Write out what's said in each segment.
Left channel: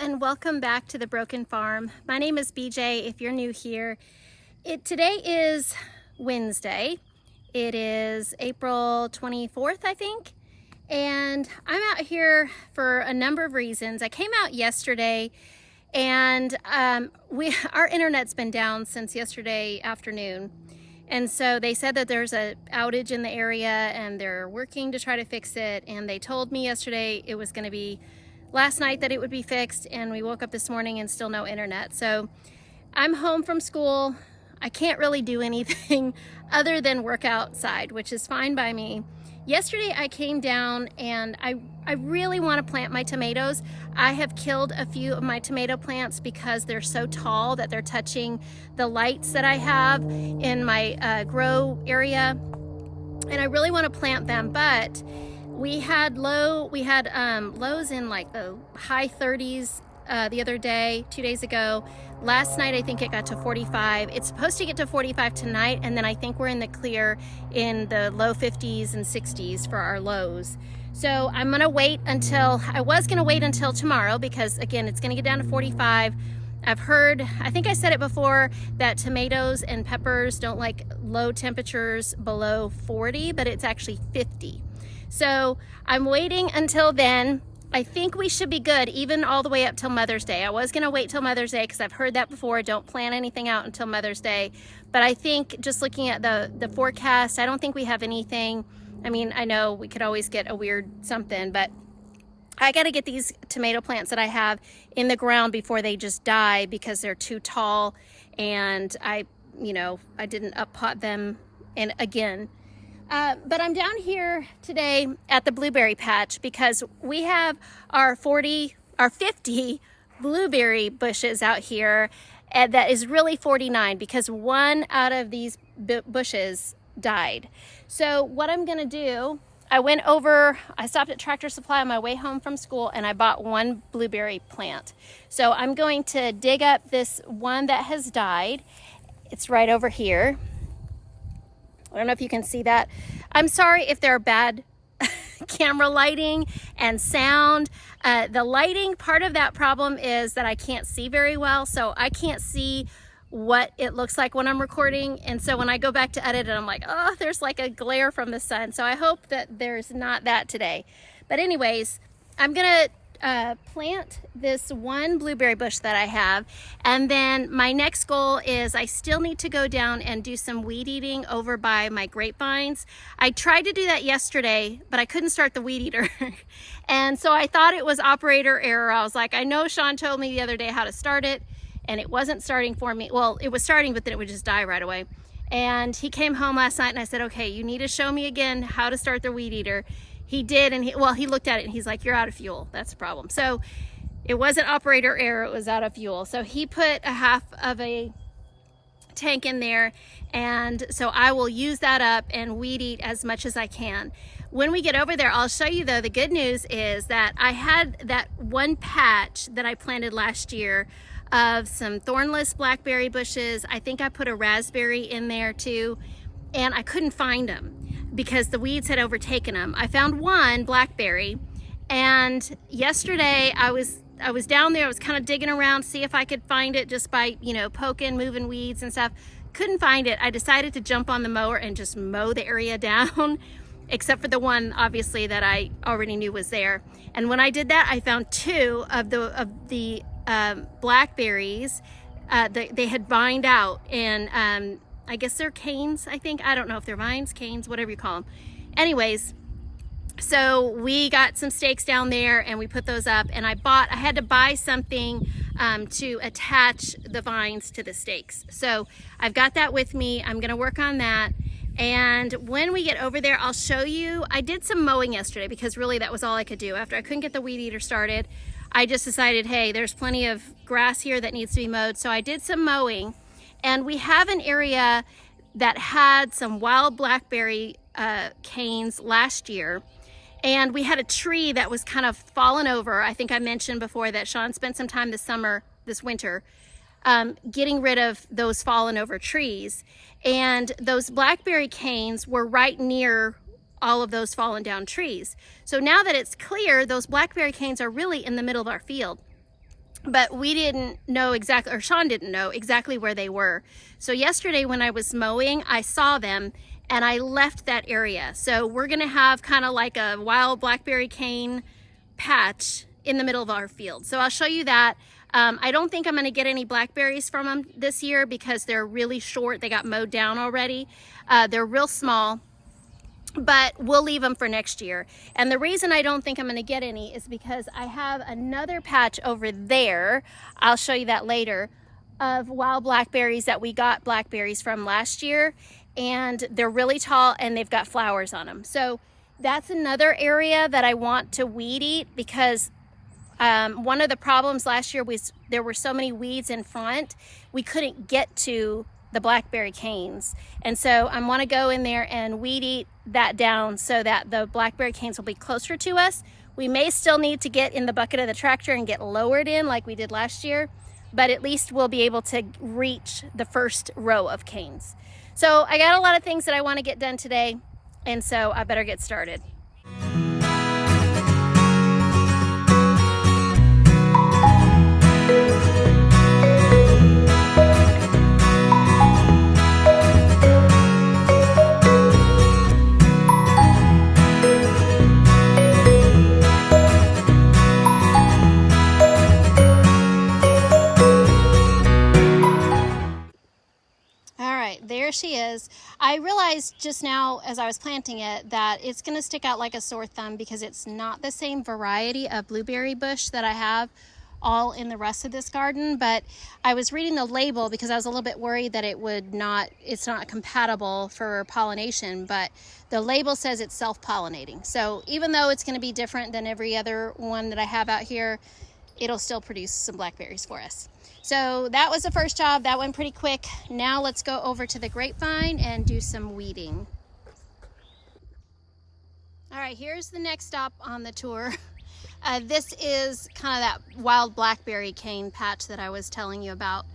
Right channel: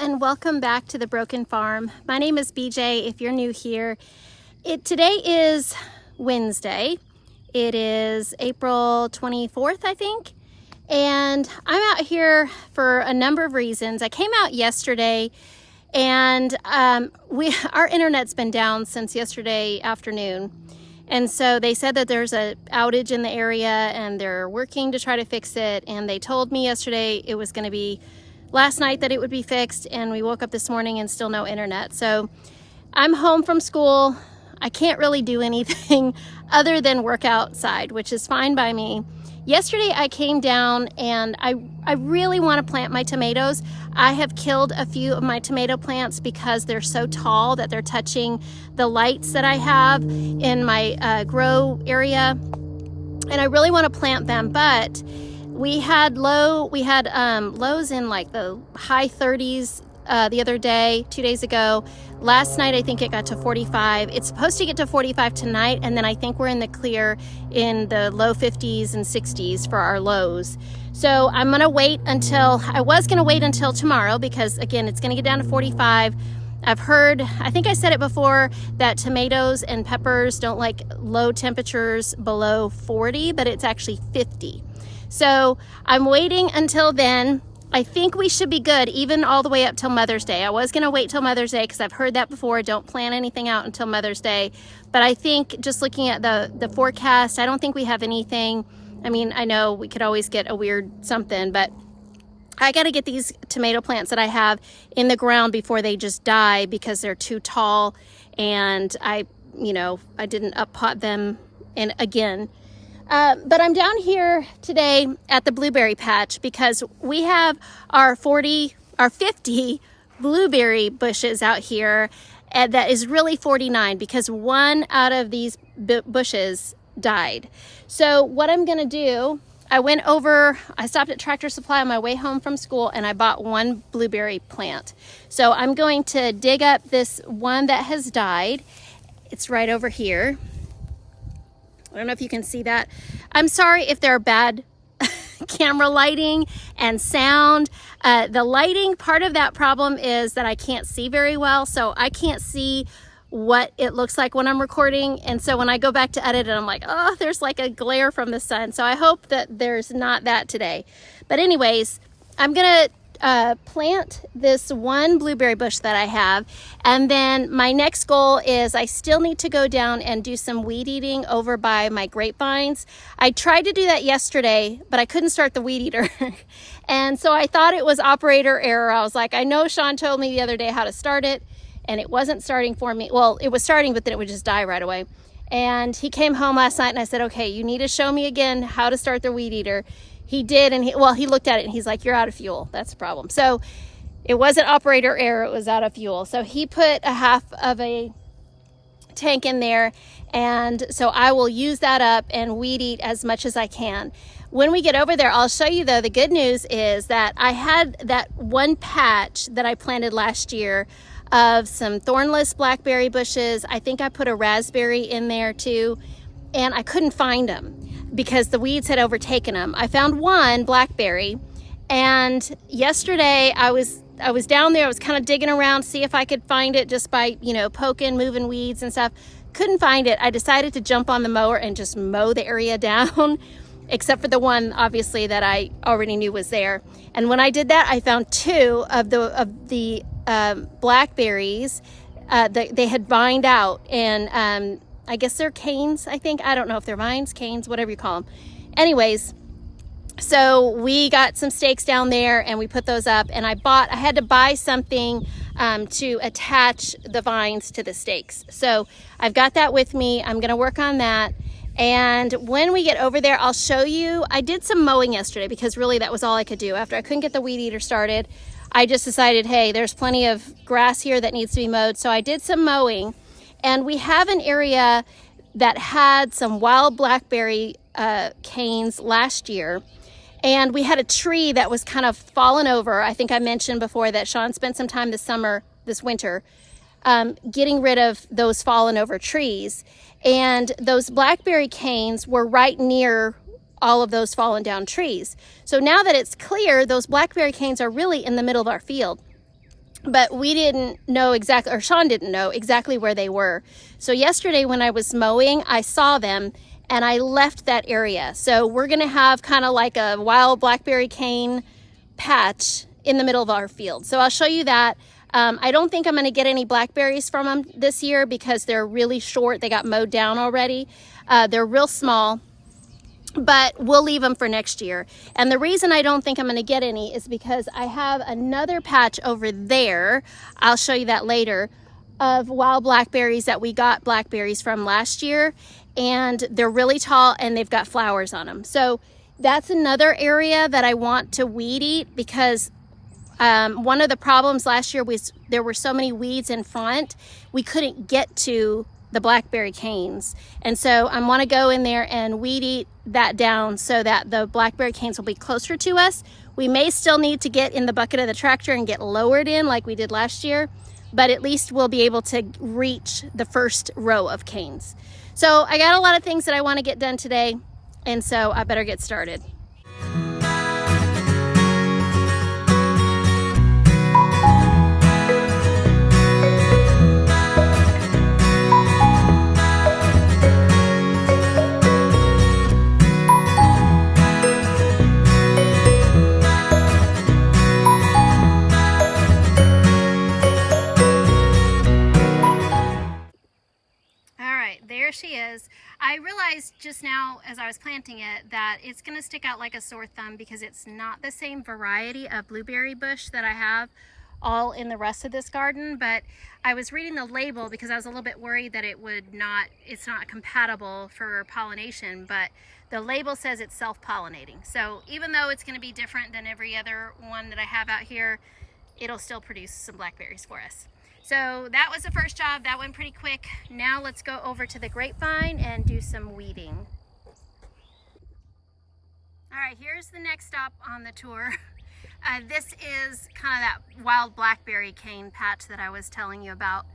and welcome back to the Broken Farm. My name is BJ if you're new here. Today is Wednesday. It is April 24th, I think. And I'm out here for a number of reasons. I came out yesterday and our internet's been down since yesterday afternoon. And so they said that there's an outage in the area and they're working to try to fix it. And they told me yesterday it was going to be last night that it would be fixed, and we woke up this morning and still no internet. So I'm home from school. I can't really do anything other than work outside, which is fine by me. Yesterday I came down and I really want to plant my tomatoes. I have killed a few of my tomato plants because they're so tall that they're touching the lights that I have in my grow area, and I really want to plant them, but we had lows in like the high 30s the other day, 2 days ago. Last night I think it got to 45. It's supposed to get to 45 tonight, and then I think we're in the clear in the low 50s and 60s for our lows. So I'm gonna wait until, I was gonna wait until tomorrow because again it's gonna get down to 45. I've heard, I think I said it before, that tomatoes and peppers don't like low temperatures below 40, but it's actually 50. So I'm waiting until then. I think we should be good even all the way up till Mother's Day. I was gonna wait till Mother's Day because I've heard that before. Don't plan anything out until Mother's Day. But I think just looking at the forecast, I don't think we have anything. I mean, I know we could always get a weird something, but I gotta get these tomato plants that I have in the ground before they just die because they're too tall, and I didn't up pot them in again. But I'm down here today at the blueberry patch because we have our 50 blueberry bushes out here, and that is really 49 because one out of these bushes died. So what I'm gonna do, I stopped at Tractor Supply on my way home from school and I bought one blueberry plant. So I'm going to dig up this one that has died. It's right over here. I don't know if you can see that. I'm sorry if there are bad camera lighting and sound. The lighting, part of that problem is that I can't see very well, so I can't see what it looks like when I'm recording. And so when I go back to edit it, I'm like, oh, there's like a glare from the sun. So I hope that there's not that today. But anyways, I'm gonna plant this one blueberry bush that I have, and then my next goal is I still need to go down and do some weed eating over by my grapevines. I tried to do that yesterday, but I couldn't start the weed eater. And so I thought it was operator error. I was like, I know Shawn told me the other day how to start it, and it wasn't starting for me. Well, it was starting, but then it would just die right away. And he came home last night and I said, okay, you need to show me again how to start the weed eater. He did, and he looked at it and he's like, you're out of fuel. That's the problem. So it wasn't operator error, it was out of fuel. So he put a half of a tank in there, and so I will use that up and weed eat as much as I can. When we get over there, I'll show you though, the good news is that I had that one patch that I planted last year of some thornless blackberry bushes. I think I put a raspberry in there too, and I couldn't find them because the weeds had overtaken them. I found one blackberry, and yesterday I was down there, I was kind of digging around, see if I could find it just by, poking, moving weeds and stuff. Couldn't find it. I decided to jump on the mower and just mow the area down, except for the one, obviously, that I already knew was there. And when I did that, I found two of the blackberries. They had vined out, and I guess they're canes, I think. I don't know if they're vines, canes, whatever you call them. Anyways, so we got some stakes down there and we put those up, and I had to buy something to attach the vines to the stakes. So I've got that with me. I'm gonna work on that. And when we get over there, I'll show you. I did some mowing yesterday because really that was all I could do. After I couldn't get the weed eater started, I just decided, hey, there's plenty of grass here that needs to be mowed. So I did some mowing. And we have an area that had some wild blackberry canes last year. And we had a tree that was kind of fallen over. I think I mentioned before that Shawn spent some time this winter, getting rid of those fallen over trees. And those blackberry canes were right near all of those fallen down trees. So now that it's clear, those blackberry canes are really in the middle of our field. but we didn't know exactly, or Shawn didn't know exactly where they were. So yesterday when I was mowing, I saw them and I left that area. So we're gonna have kind of like a wild blackberry cane patch in the middle of our field. So I'll show you that. I don't think I'm gonna get any blackberries from them this year because they're really short. They got mowed down already. They're real small, but we'll leave them for next year. And the reason I don't think I'm gonna get any is because I have another patch over there, I'll show you that later, of wild blackberries that we got blackberries from last year, and they're really tall and they've got flowers on them. So that's another area that I want to weed eat, because one of the problems last year was there were so many weeds in front, we couldn't get to the blackberry canes. And so I want to go in there and weed eat that down so that the blackberry canes will be closer to us. We may still need to get in the bucket of the tractor and get lowered in like we did last year, but at least we'll be able to reach the first row of canes. So I got a lot of things that I want to get done today, and so I better get started. There she is. I realized just now as I was planting it that it's going to stick out like a sore thumb because it's not the same variety of blueberry bush that I have all in the rest of this garden. But I was reading the label because I was a little bit worried that it's not compatible for pollination, but the label says it's self-pollinating. So even though it's going to be different than every other one that I have out here, it'll still produce some blackberries for us. So that was the first job. That went pretty quick. Now let's go over to the grapevine and do some weeding. All right, here's the next stop on the tour. This is kind of that wild blackberry cane patch that I was telling you about.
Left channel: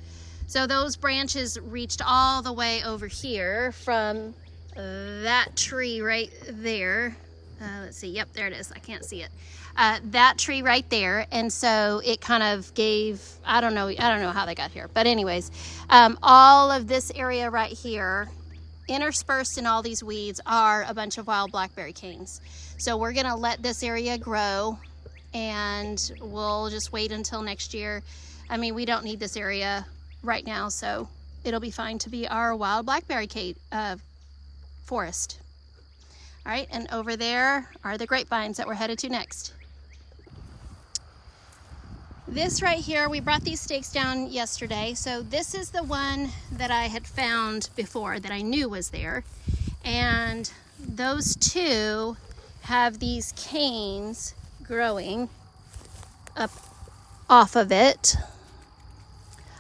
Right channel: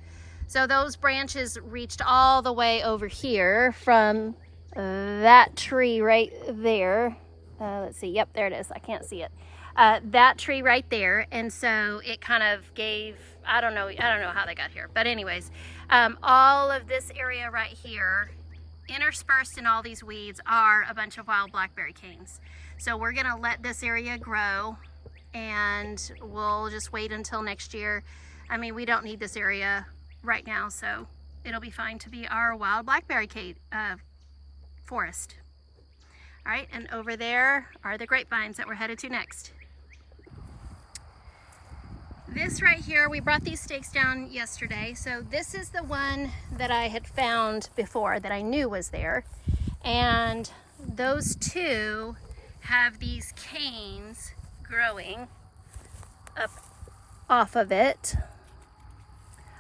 So those branches reached all the way over here from that tree right there. Let's see, yep, there it is. I can't see it. That tree right there, and so it kind of gave, I don't know how they got here, but anyways, all of this area right here, interspersed in all these weeds, are a bunch of wild blackberry canes. So we're gonna let this area grow, and we'll just wait until next year. I mean, we don't need this area right now, so it'll be fine to be our wild blackberry cane forest. All right, and over there are the grapevines that we're headed to next. This right here, we brought these stakes down yesterday. So this is the one that I had found before that I knew was there. And those two have these canes growing up off of it.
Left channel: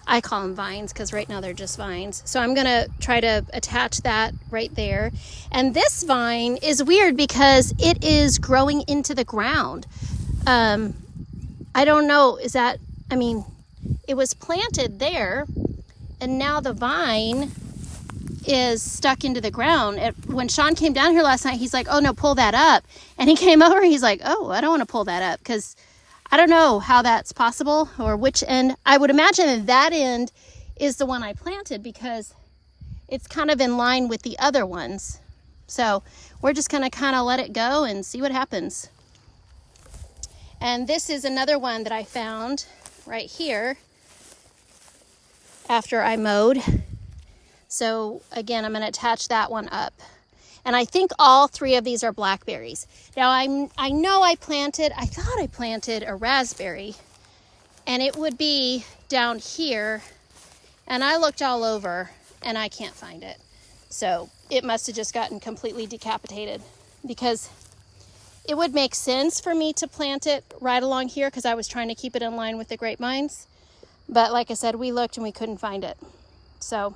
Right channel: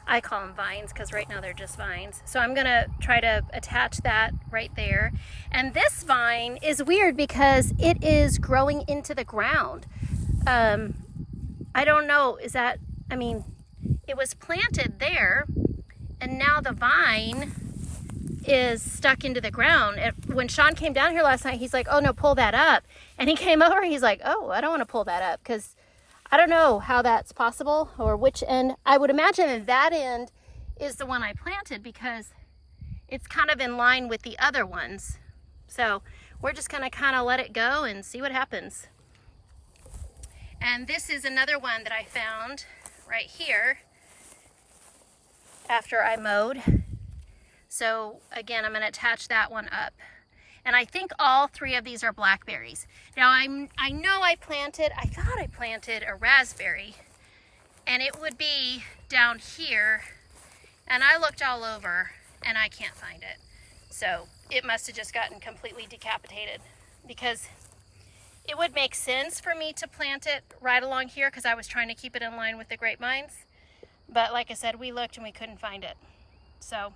I call them vines because right now they're just vines. So I'm gonna try to attach that right there. And this vine is weird because it is growing into the ground. I don't know, I mean, it was planted there and now the vine is stuck into the ground. When Shawn came down here last night, he's like, oh no, pull that up. And he came over and he's like, oh, I don't want to pull that up because I don't know how that's possible or which end. I would imagine that end is the one I planted because it's kind of in line with the other ones. So we're just gonna kind of let it go and see what happens. And this is another one that I found right here after I mowed. So again, I'm gonna attach that one up. And I think all three of these are blackberries. Now I know I thought I planted a raspberry and it would be down here, and I looked all over and I can't find it. So it must have just gotten completely decapitated, because it would make sense for me to plant it right along here because I was trying to keep it in line with the grapevines. But like I said, we looked and we couldn't find it. So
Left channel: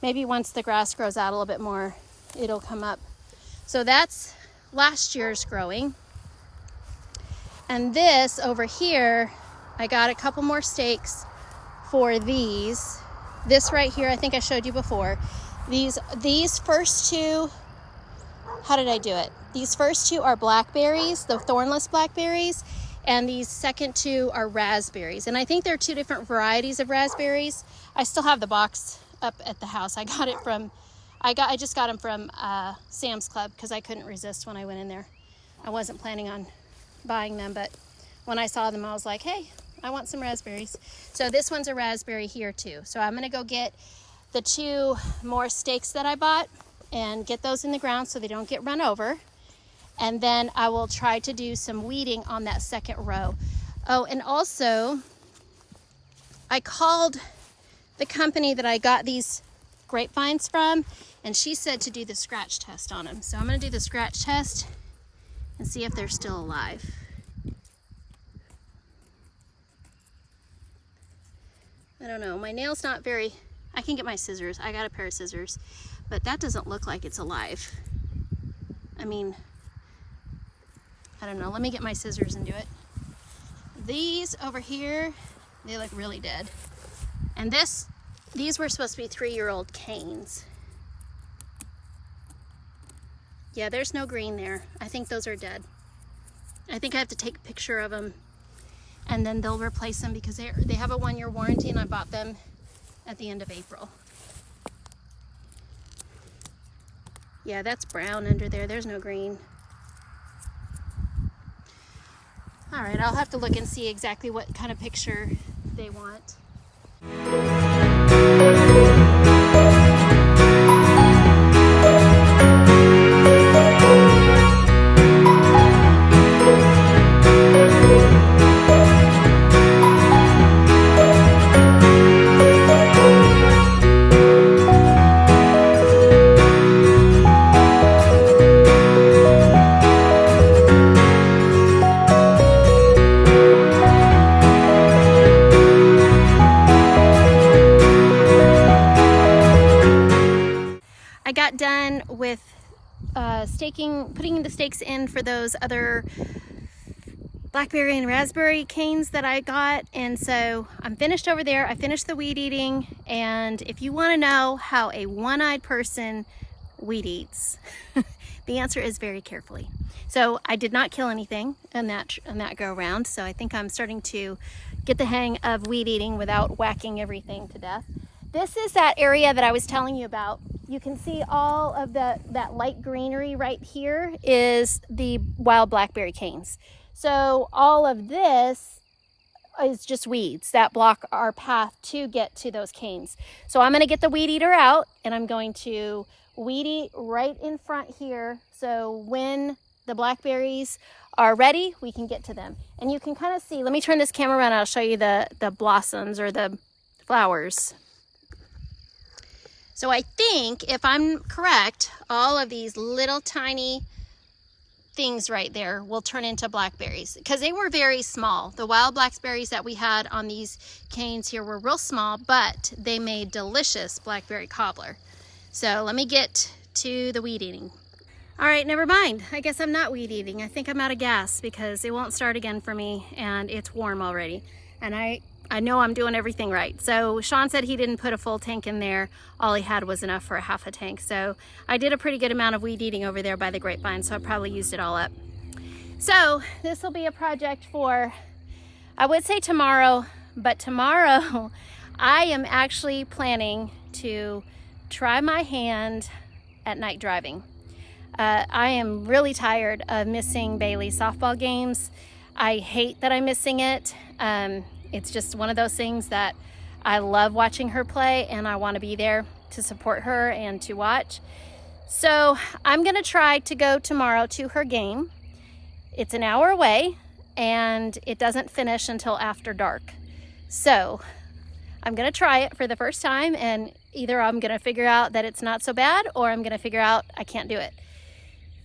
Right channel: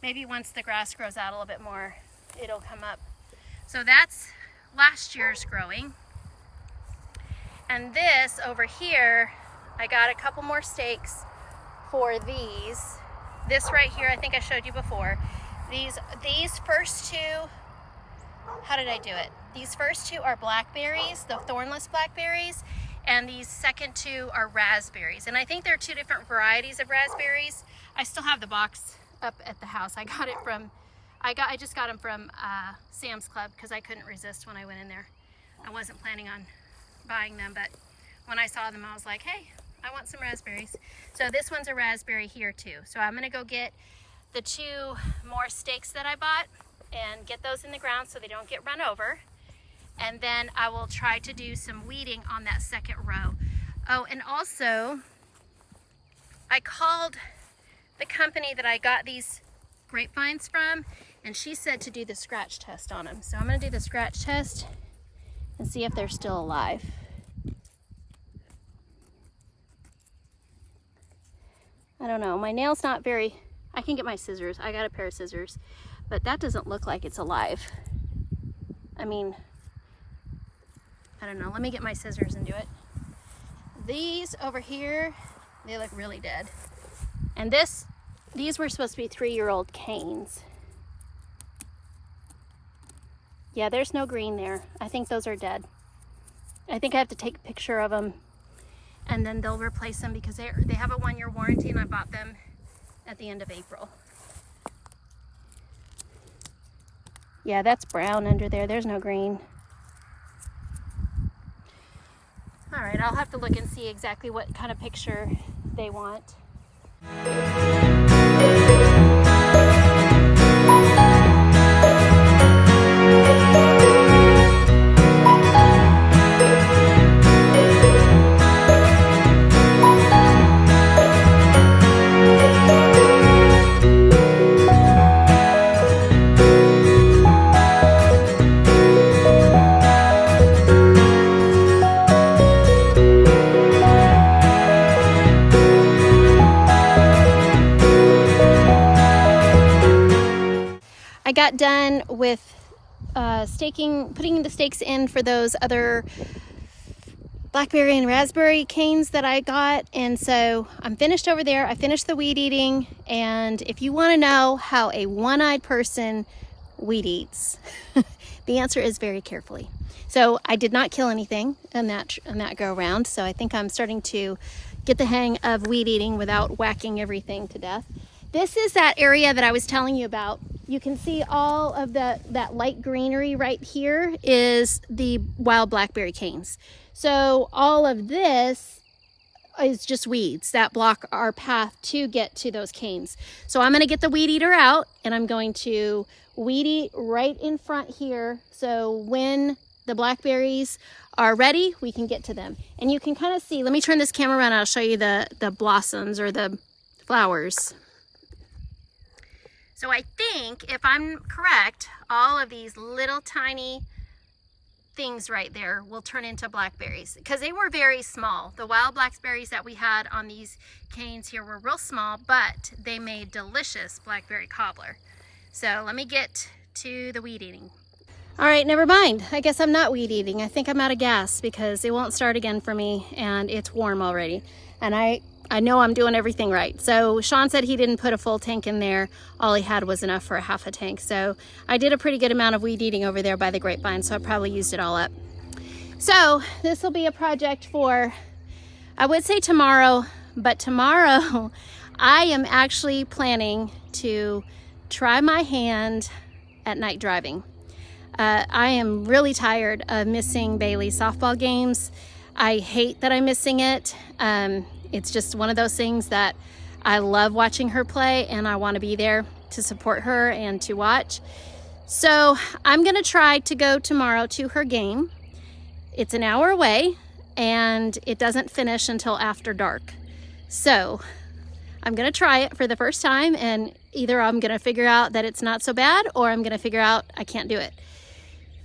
maybe once the grass grows out a little bit more, it'll come up. So that's last year's growing. And this over here, I got a couple more stakes for these. This right here, I think I showed you before. These first two, how did I do it? These first two are blackberries, the thornless blackberries, and these second two are raspberries. And I think there are two different varieties of raspberries. I still have the box up at the house. I got it from, I just got them from Sam's Club because I couldn't resist when I went in there. I wasn't planning on buying them, but when I saw them, I was like, hey, I want some raspberries. So this one's a raspberry here too. So I'm gonna go get the two more stakes that I bought and get those in the ground so they don't get run over. And then I will try to do some weeding on that second row. Oh, and also I called the company that I got these grapevines from, and she said to do the scratch test on them. So I'm gonna do the scratch test and see if they're still alive. I don't know, my nail's not very, I can get my scissors, I got a pair of scissors, but that doesn't look like it's alive. I mean, I don't know, let me get my scissors and do it. These over here, they look really dead. And these were supposed to be 3-year-old canes. Yeah, there's no green there. I think those are dead. I think I have to take a picture of them and then they'll replace them because they have a 1-year warranty and I bought them at the end of April. Yeah, that's brown under there. There's no green. All right, I'll have to look and see exactly what kind of picture they want. I got done with putting the stakes in for those other blackberry and raspberry canes that I got, and so I'm finished over there. I finished the weed eating, and if you want to know how a one-eyed person weed eats, the answer is very carefully. So I did not kill anything in that go around, so I think I'm starting to get the hang of weed eating without whacking everything to death. This is that area that I was telling you about. You can see all of that light greenery right here is the wild blackberry canes. So all of this is just weeds that block our path to get to those canes. So I'm gonna get the weed eater out and I'm going to weed eat right in front here. So when the blackberries are ready, we can get to them. And you can kind of see, let me turn this camera around, I'll show you the blossoms or the flowers. So I think, if I'm correct, all of these little tiny things right there will turn into blackberries because they were very small. The wild blackberries that we had on these canes here were real small, but they made delicious blackberry cobbler. So let me get to the weed eating. All right, never mind. I guess I'm not weed eating. I think I'm out of gas because it won't start again for me and it's warm already. And I know I'm doing everything right. So Shawn said he didn't put a full tank in there. All he had was enough for a half a tank. So I did a pretty good amount of weed eating over there by the grapevine, so I probably used it all up. So this will be a project for, I would say tomorrow, but tomorrow I am actually planning to try my hand at night driving. I am really tired of missing Bailey's softball games. I hate that I'm missing it. It's just one of those things that I love watching her play and I want to be there to support her and to watch. So I'm going to try to go tomorrow to her game. It's an hour away and it doesn't finish until after dark. So I'm going to try it for the first time and either I'm going to figure out that it's not so bad or I'm going to figure out I can't do it.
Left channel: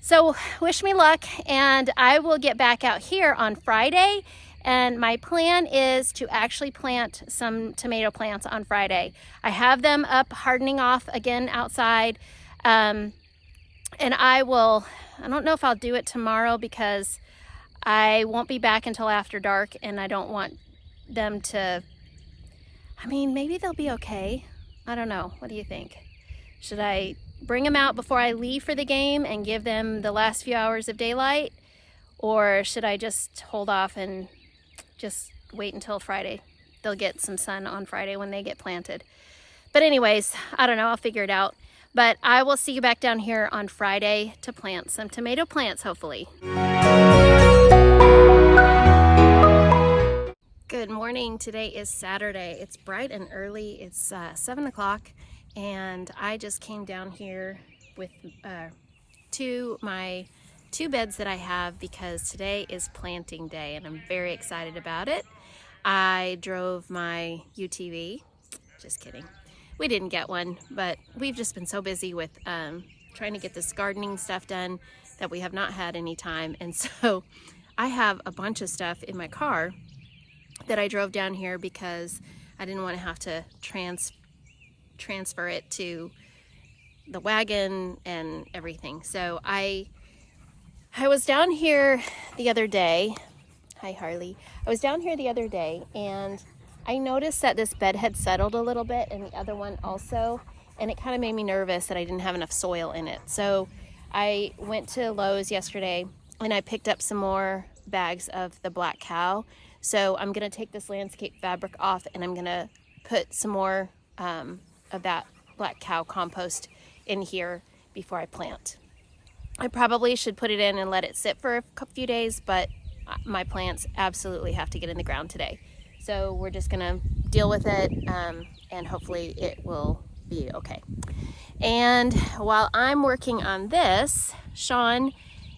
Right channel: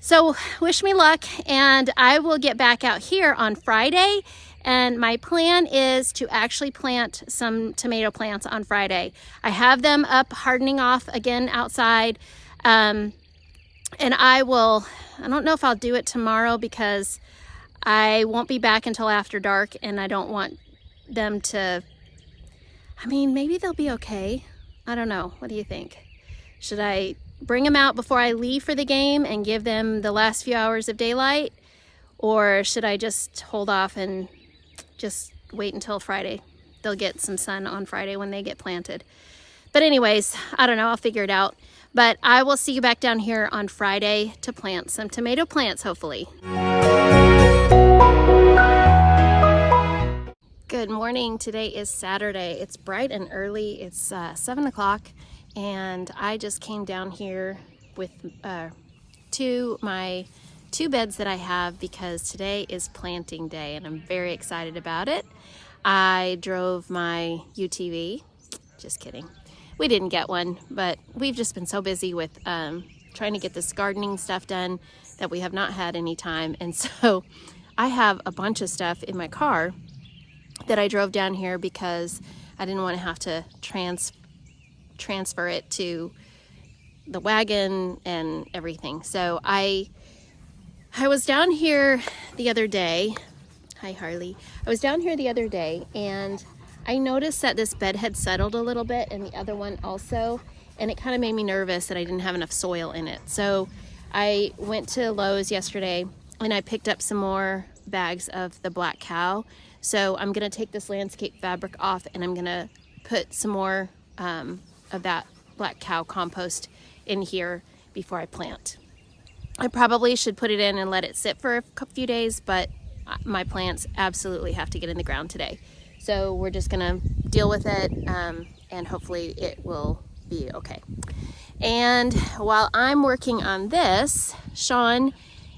So wish me luck, and I will get back out here on Friday. And my plan is to actually plant some tomato plants on Friday. I have them up hardening off again outside. And I don't know if I'll do it tomorrow because I won't be back until after dark and I don't want them to, I mean, maybe they'll be okay. I don't know. What do you think? Should I bring them out before I leave for the game and give them the last few hours of daylight? or should I just hold off and just wait until Friday? They'll get some sun on Friday when they get planted. But anyways, I don't know, I'll figure it out. But I will see you back down here on Friday to plant some tomato plants, hopefully. Good morning. Today is Saturday. It's bright and early. It's 7 o'clock, and I just came down here with my two beds that I have because today is planting day and I'm very excited about it. I drove my UTV. Just kidding. We didn't get one, but we've just been so busy with trying to get this gardening stuff done that we have not had any time. And so I have a bunch of stuff in my car that I drove down here because I didn't want to have to transfer it to the wagon and everything. So I was down here the other day. Hi, Harley. I was down here the other day and I noticed that this bed had settled a little bit and the other one also, and it kind of made me nervous that I didn't have enough soil in it. So I went to Lowe's yesterday and I picked up some more bags of the black cow. So I'm gonna take this landscape fabric off and I'm gonna put some more of that black cow compost in here before I plant. I probably should put it in and let it sit for a few days, but my plants absolutely have to get in the ground today. So we're just gonna deal with it and hopefully it will be okay. And while I'm working on this, Shawn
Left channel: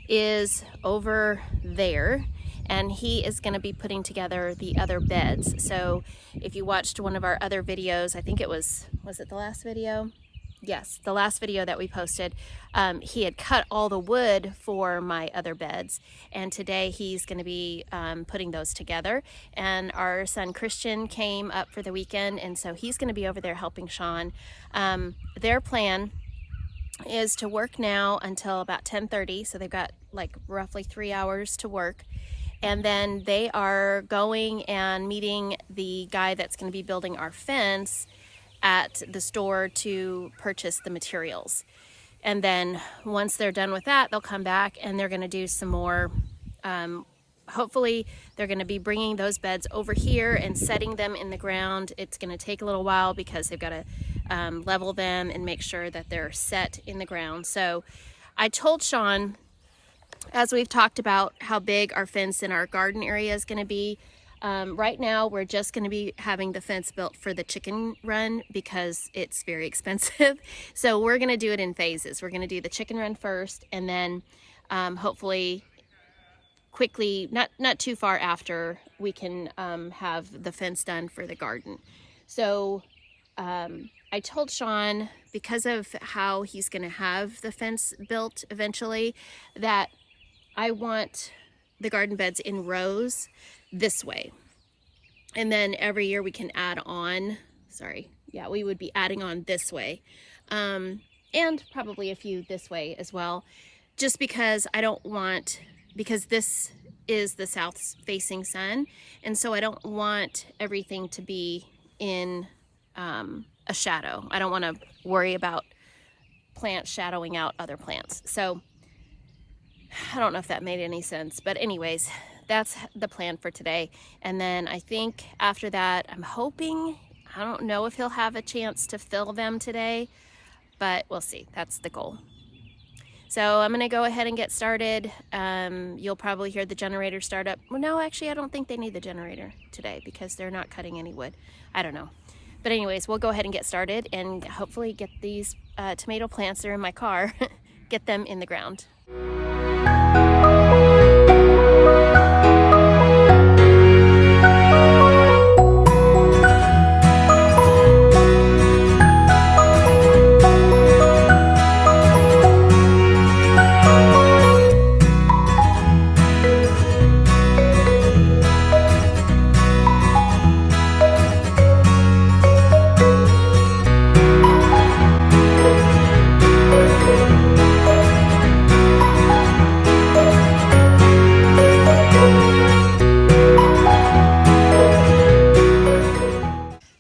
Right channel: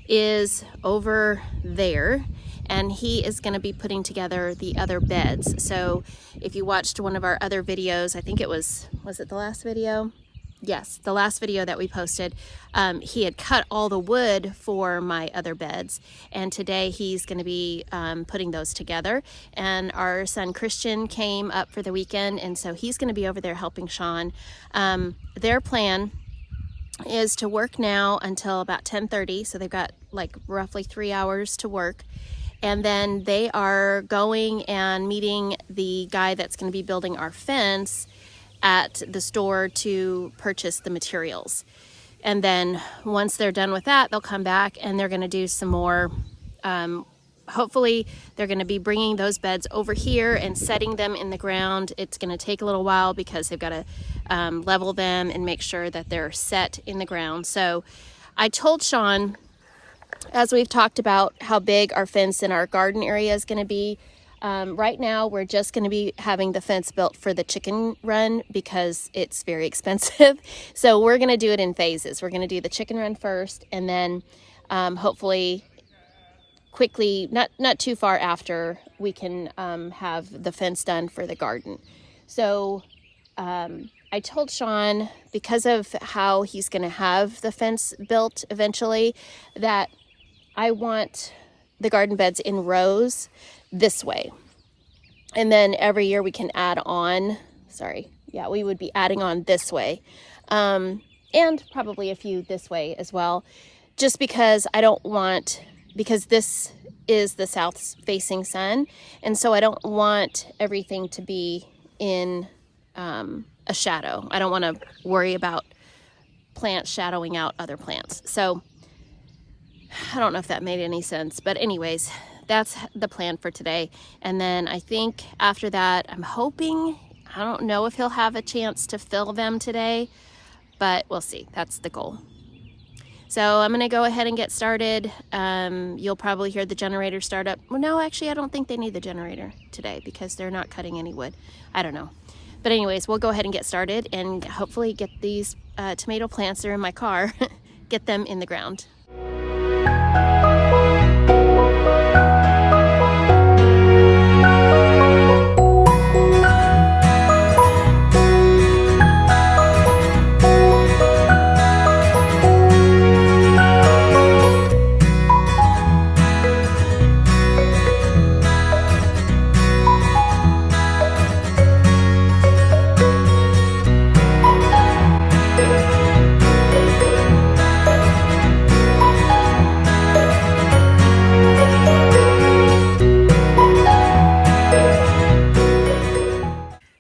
is over there and he is gonna be putting together the other beds. So if you watched one of our other videos, I think it was it the last video? Yes, the last video that we posted, he had cut all the wood for my other beds, and today he's going to be putting those together. And our son Christian came up for the weekend, and so he's going to be over there helping Shawn. Their plan is to work now until about 10:30, so they've got like roughly 3 hours to work. And then they are going and meeting the guy that's going to be building our fence at the store to purchase the materials. And then once they're done with that, they'll come back and they're going to do some more. Hopefully they're going to be bringing those beds over here and setting them in the ground. It's going to take a little while because they've got to level them and make sure that they're set in the ground. So I told Shawn, as we've talked about how big our fence in our garden area is going to be, right now we're just going to be having the fence built for the chicken run because it's very expensive. So we're going to do it in phases. We're going to do the chicken run first, and then hopefully quickly, not too far after, we can have the fence done for the garden. So I told Shawn, because of how he's going to have the fence built eventually, that I want the garden beds in rows this way, and then every year we can add on. We would be adding on this way, and probably a few this way as well, just because because this is the south facing sun, and so I don't want everything to be in a shadow. I don't want to worry about plants shadowing out other plants. So I don't know if that made any sense, but anyways, that's the plan for today. And then I think after that, I'm hoping, I don't know if he'll have a chance to fill them today, but we'll see. That's the goal. So I'm going to go ahead and get started. You'll probably hear the generator start up. Well, no, actually, I don't think they need the generator today because they're not cutting any wood. I don't know. But anyways, we'll go ahead and get started and hopefully get these tomato plants that are in my car, get them in the ground.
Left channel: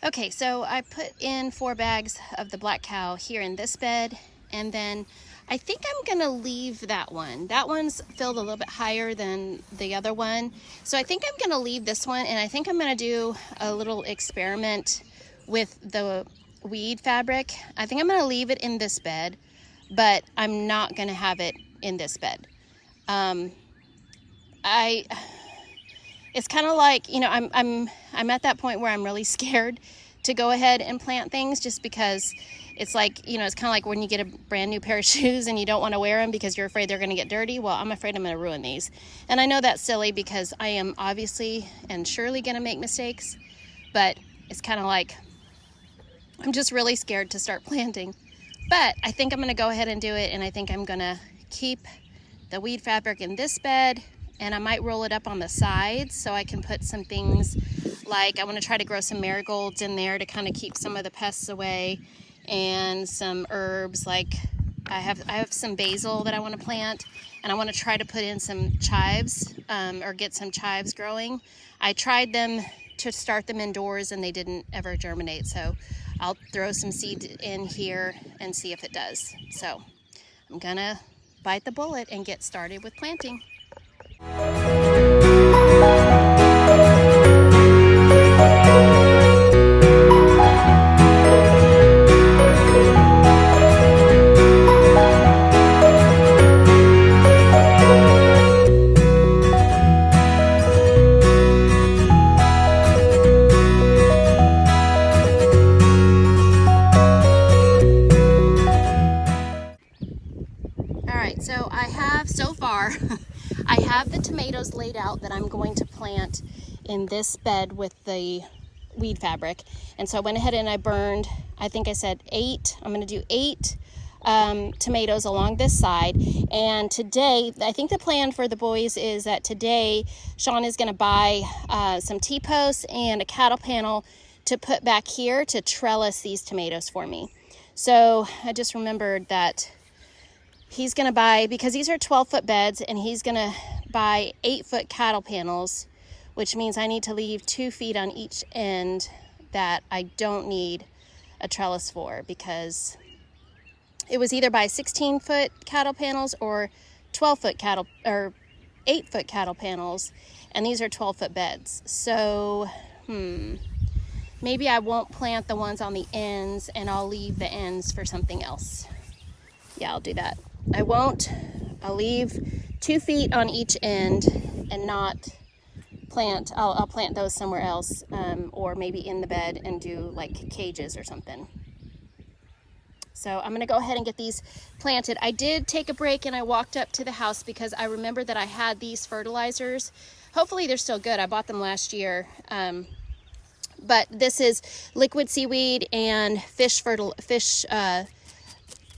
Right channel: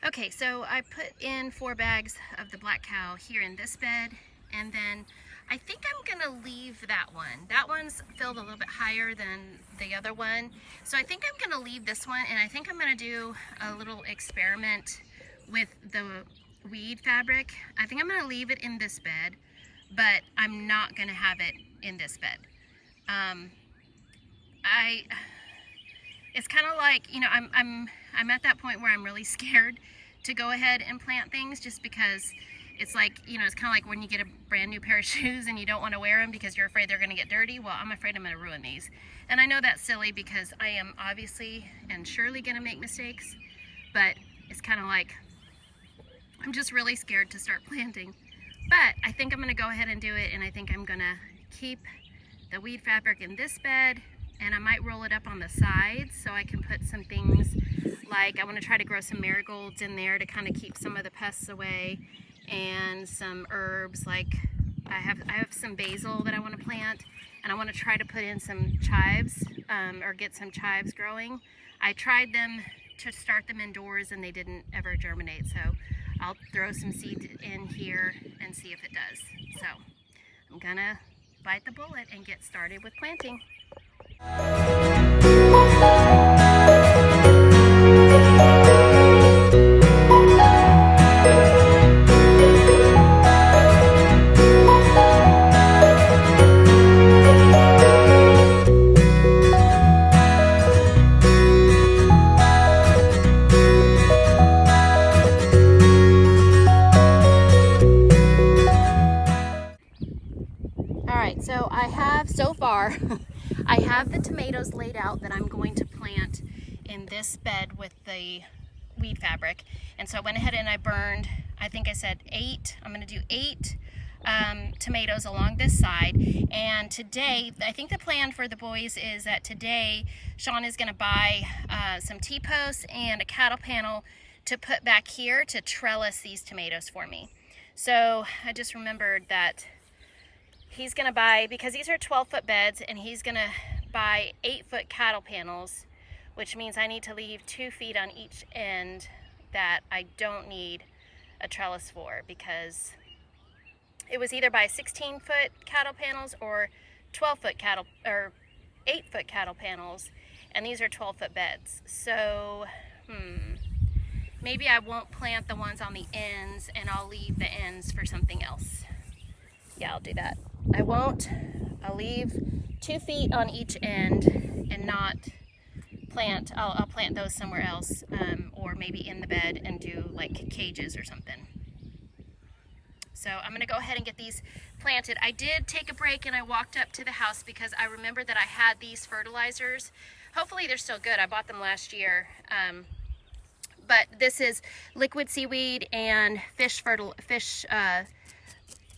Okay, so I put in 4 bags of the black cow here in this bed, and then I think I'm gonna leave that one. That one's filled a little bit higher than the other one. So I think I'm gonna leave this one, and I think I'm gonna do a little experiment with the weed fabric. I think I'm gonna leave it in this bed, but I'm not gonna have it in this bed. It's kind of like, you know, I'm at that point where I'm really scared to go ahead and plant things, just because it's like, you know, it's kind of like when you get a brand new pair of shoes and you don't want to wear them because you're afraid they're going to get dirty. Well, I'm afraid I'm going to ruin these. And I know that's silly because I am obviously and surely going to make mistakes, but it's kind of like, I'm just really scared to start planting. But I think I'm going to go ahead and do it, and I think I'm going to keep the weed fabric in this bed, and I might roll it up on the sides so I can put some things like, I want to try to grow some marigolds in there to kind of keep some of the pests away, and some herbs. Like I have some basil that I want to plant, and I want to try to put in some chives, or get some chives growing. I tried them to start them indoors and they didn't ever germinate, so I'll throw some seeds in here and see if it does. So I'm gonna bite the bullet and get started with planting. So I have, so far, I have the tomatoes laid out that I'm going to plant in this bed with the weed fabric. And so I went ahead and I burned, I think I said 8, I'm going to do 8 tomatoes along this side. And today, I think the plan for the boys is that today, Shawn is going to buy some T-posts and a cattle panel to put back here to trellis these tomatoes for me. So I just remembered that he's gonna buy, because these are 12-foot beds, and he's gonna buy 8-foot cattle panels, which means I need to leave 2 feet on each end that I don't need a trellis for, because it was either buy 16-foot cattle panels or 12-foot cattle, or 8-foot cattle panels, and these are 12-foot beds. So maybe I won't plant the ones on the ends, and I'll leave the ends for something else. Yeah, I'll do that. I won't. I'll leave 2 feet on each end and not plant. I'll plant those somewhere else, or maybe in the bed and do like cages or something. So I'm gonna go ahead and get these planted. I did take a break and I walked up to the house because I remembered that I had these fertilizers. Hopefully they're still good. I bought them last year. But this is liquid seaweed and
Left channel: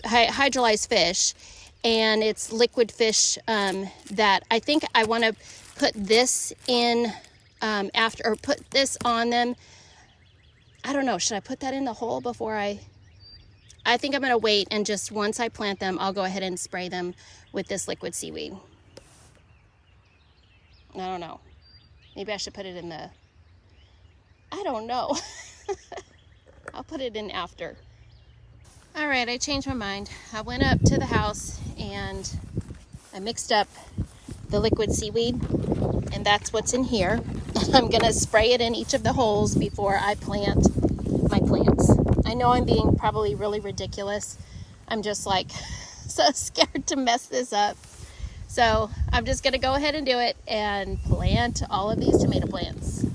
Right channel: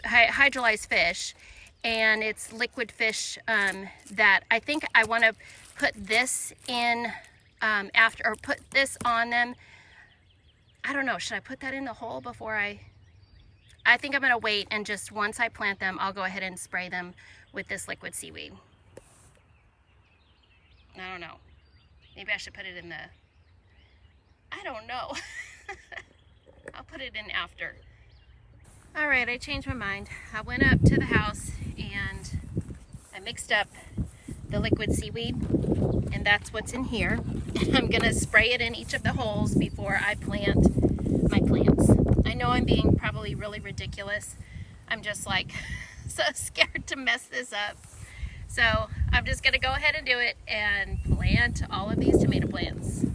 hydrolyzed fish, and it's liquid fish that I think I want to put this in after, or put this on them. I don't know, should I put that in the hole before I think I'm going to wait, and just once I plant them, I'll go ahead and spray them with this liquid seaweed. I don't know, maybe I should put it in the, I don't know. I'll put it in after. All right, I changed my mind. I went up to the house and I mixed up the liquid seaweed, and that's what's in here. And I'm gonna spray it in each of the holes before I plant my plants. I know I'm being probably really ridiculous. I'm just like so scared to mess this up. So I'm just gonna go ahead and do it and plant all of these tomato plants.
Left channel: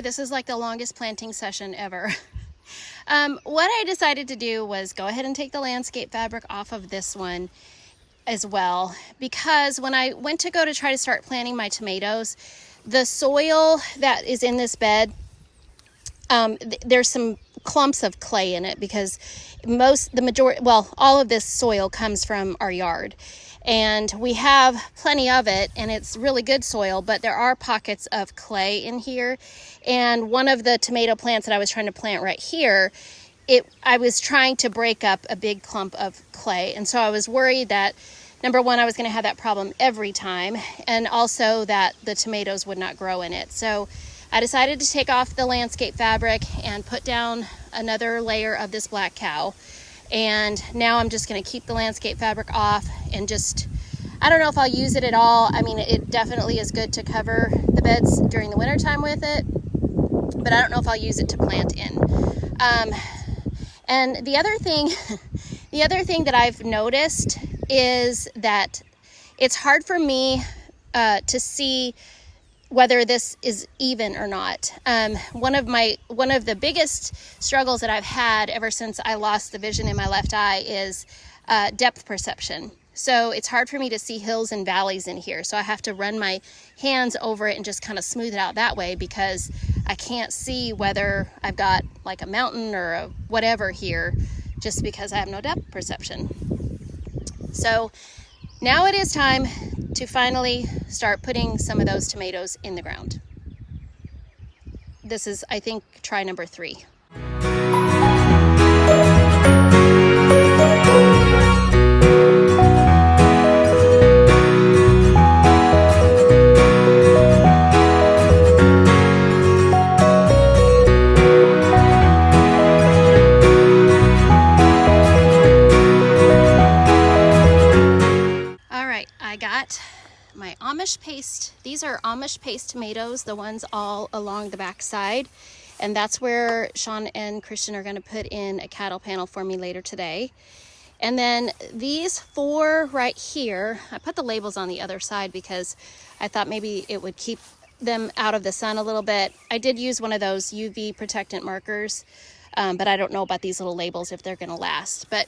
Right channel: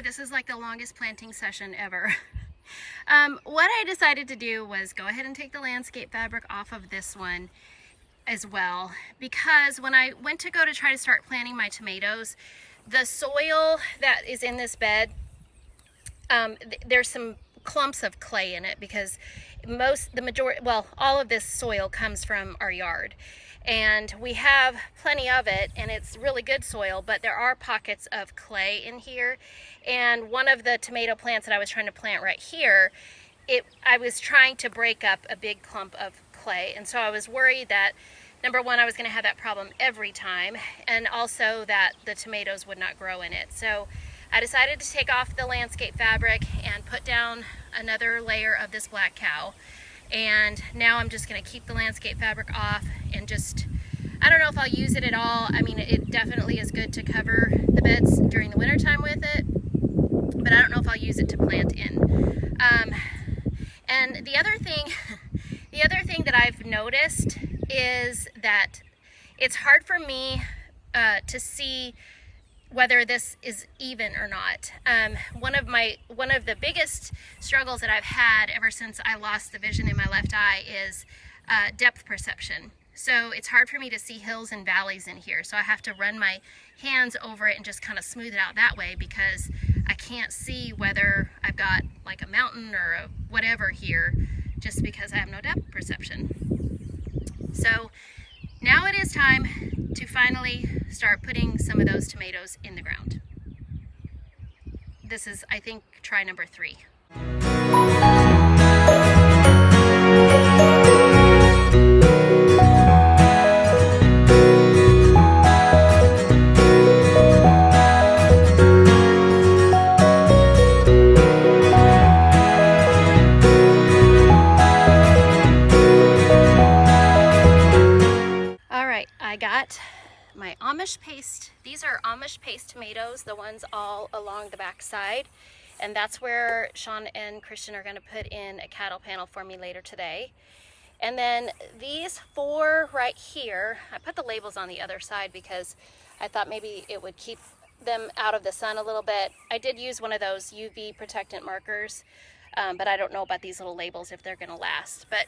This is like the longest planting session ever. What I decided to do was go ahead and take the landscape fabric off of this one as well, because when I went to try to start planting my tomatoes, the soil that is in this bed there's some clumps of clay in it because all of this soil comes from our yard. And we have plenty of it, and it's really good soil, but there are pockets of clay in here. And one of the tomato plants that I was trying to plant right here, I was trying to break up a big clump of clay. And so I was worried that, number one, I was going to have that problem every time, and also that the tomatoes would not grow in it. So I decided to take off the landscape fabric and put down another layer of this black cow. And now I'm just going to keep the landscape fabric off and I don't know if I'll use it at all. I mean, it definitely is good to cover the beds during the winter time with it, but I don't know if I'll use it to plant in. And the other thing that I've noticed is that it's hard for me to see whether this is even or not. One of the biggest struggles that I've had ever since I lost the vision in my left eye is depth perception. So it's hard for me to see hills and valleys in here. So I have to run my hands over it and just kind of smooth it out that way, because I can't see whether I've got like a mountain or a whatever here, just because I have no depth perception. So now it is time to finally start putting some of those tomatoes in the ground. This is, I think, try number 3. I got my Amish paste. These are Amish paste tomatoes, the ones all along the back side. And that's where Shawn and Christian are going to put in a cattle panel for me later today. And then these 4 right here, I put the labels on the other side because I thought maybe it would keep them out of the sun a little bit. I did use one of those UV protectant markers, but I don't know about these little labels if they're going to last. But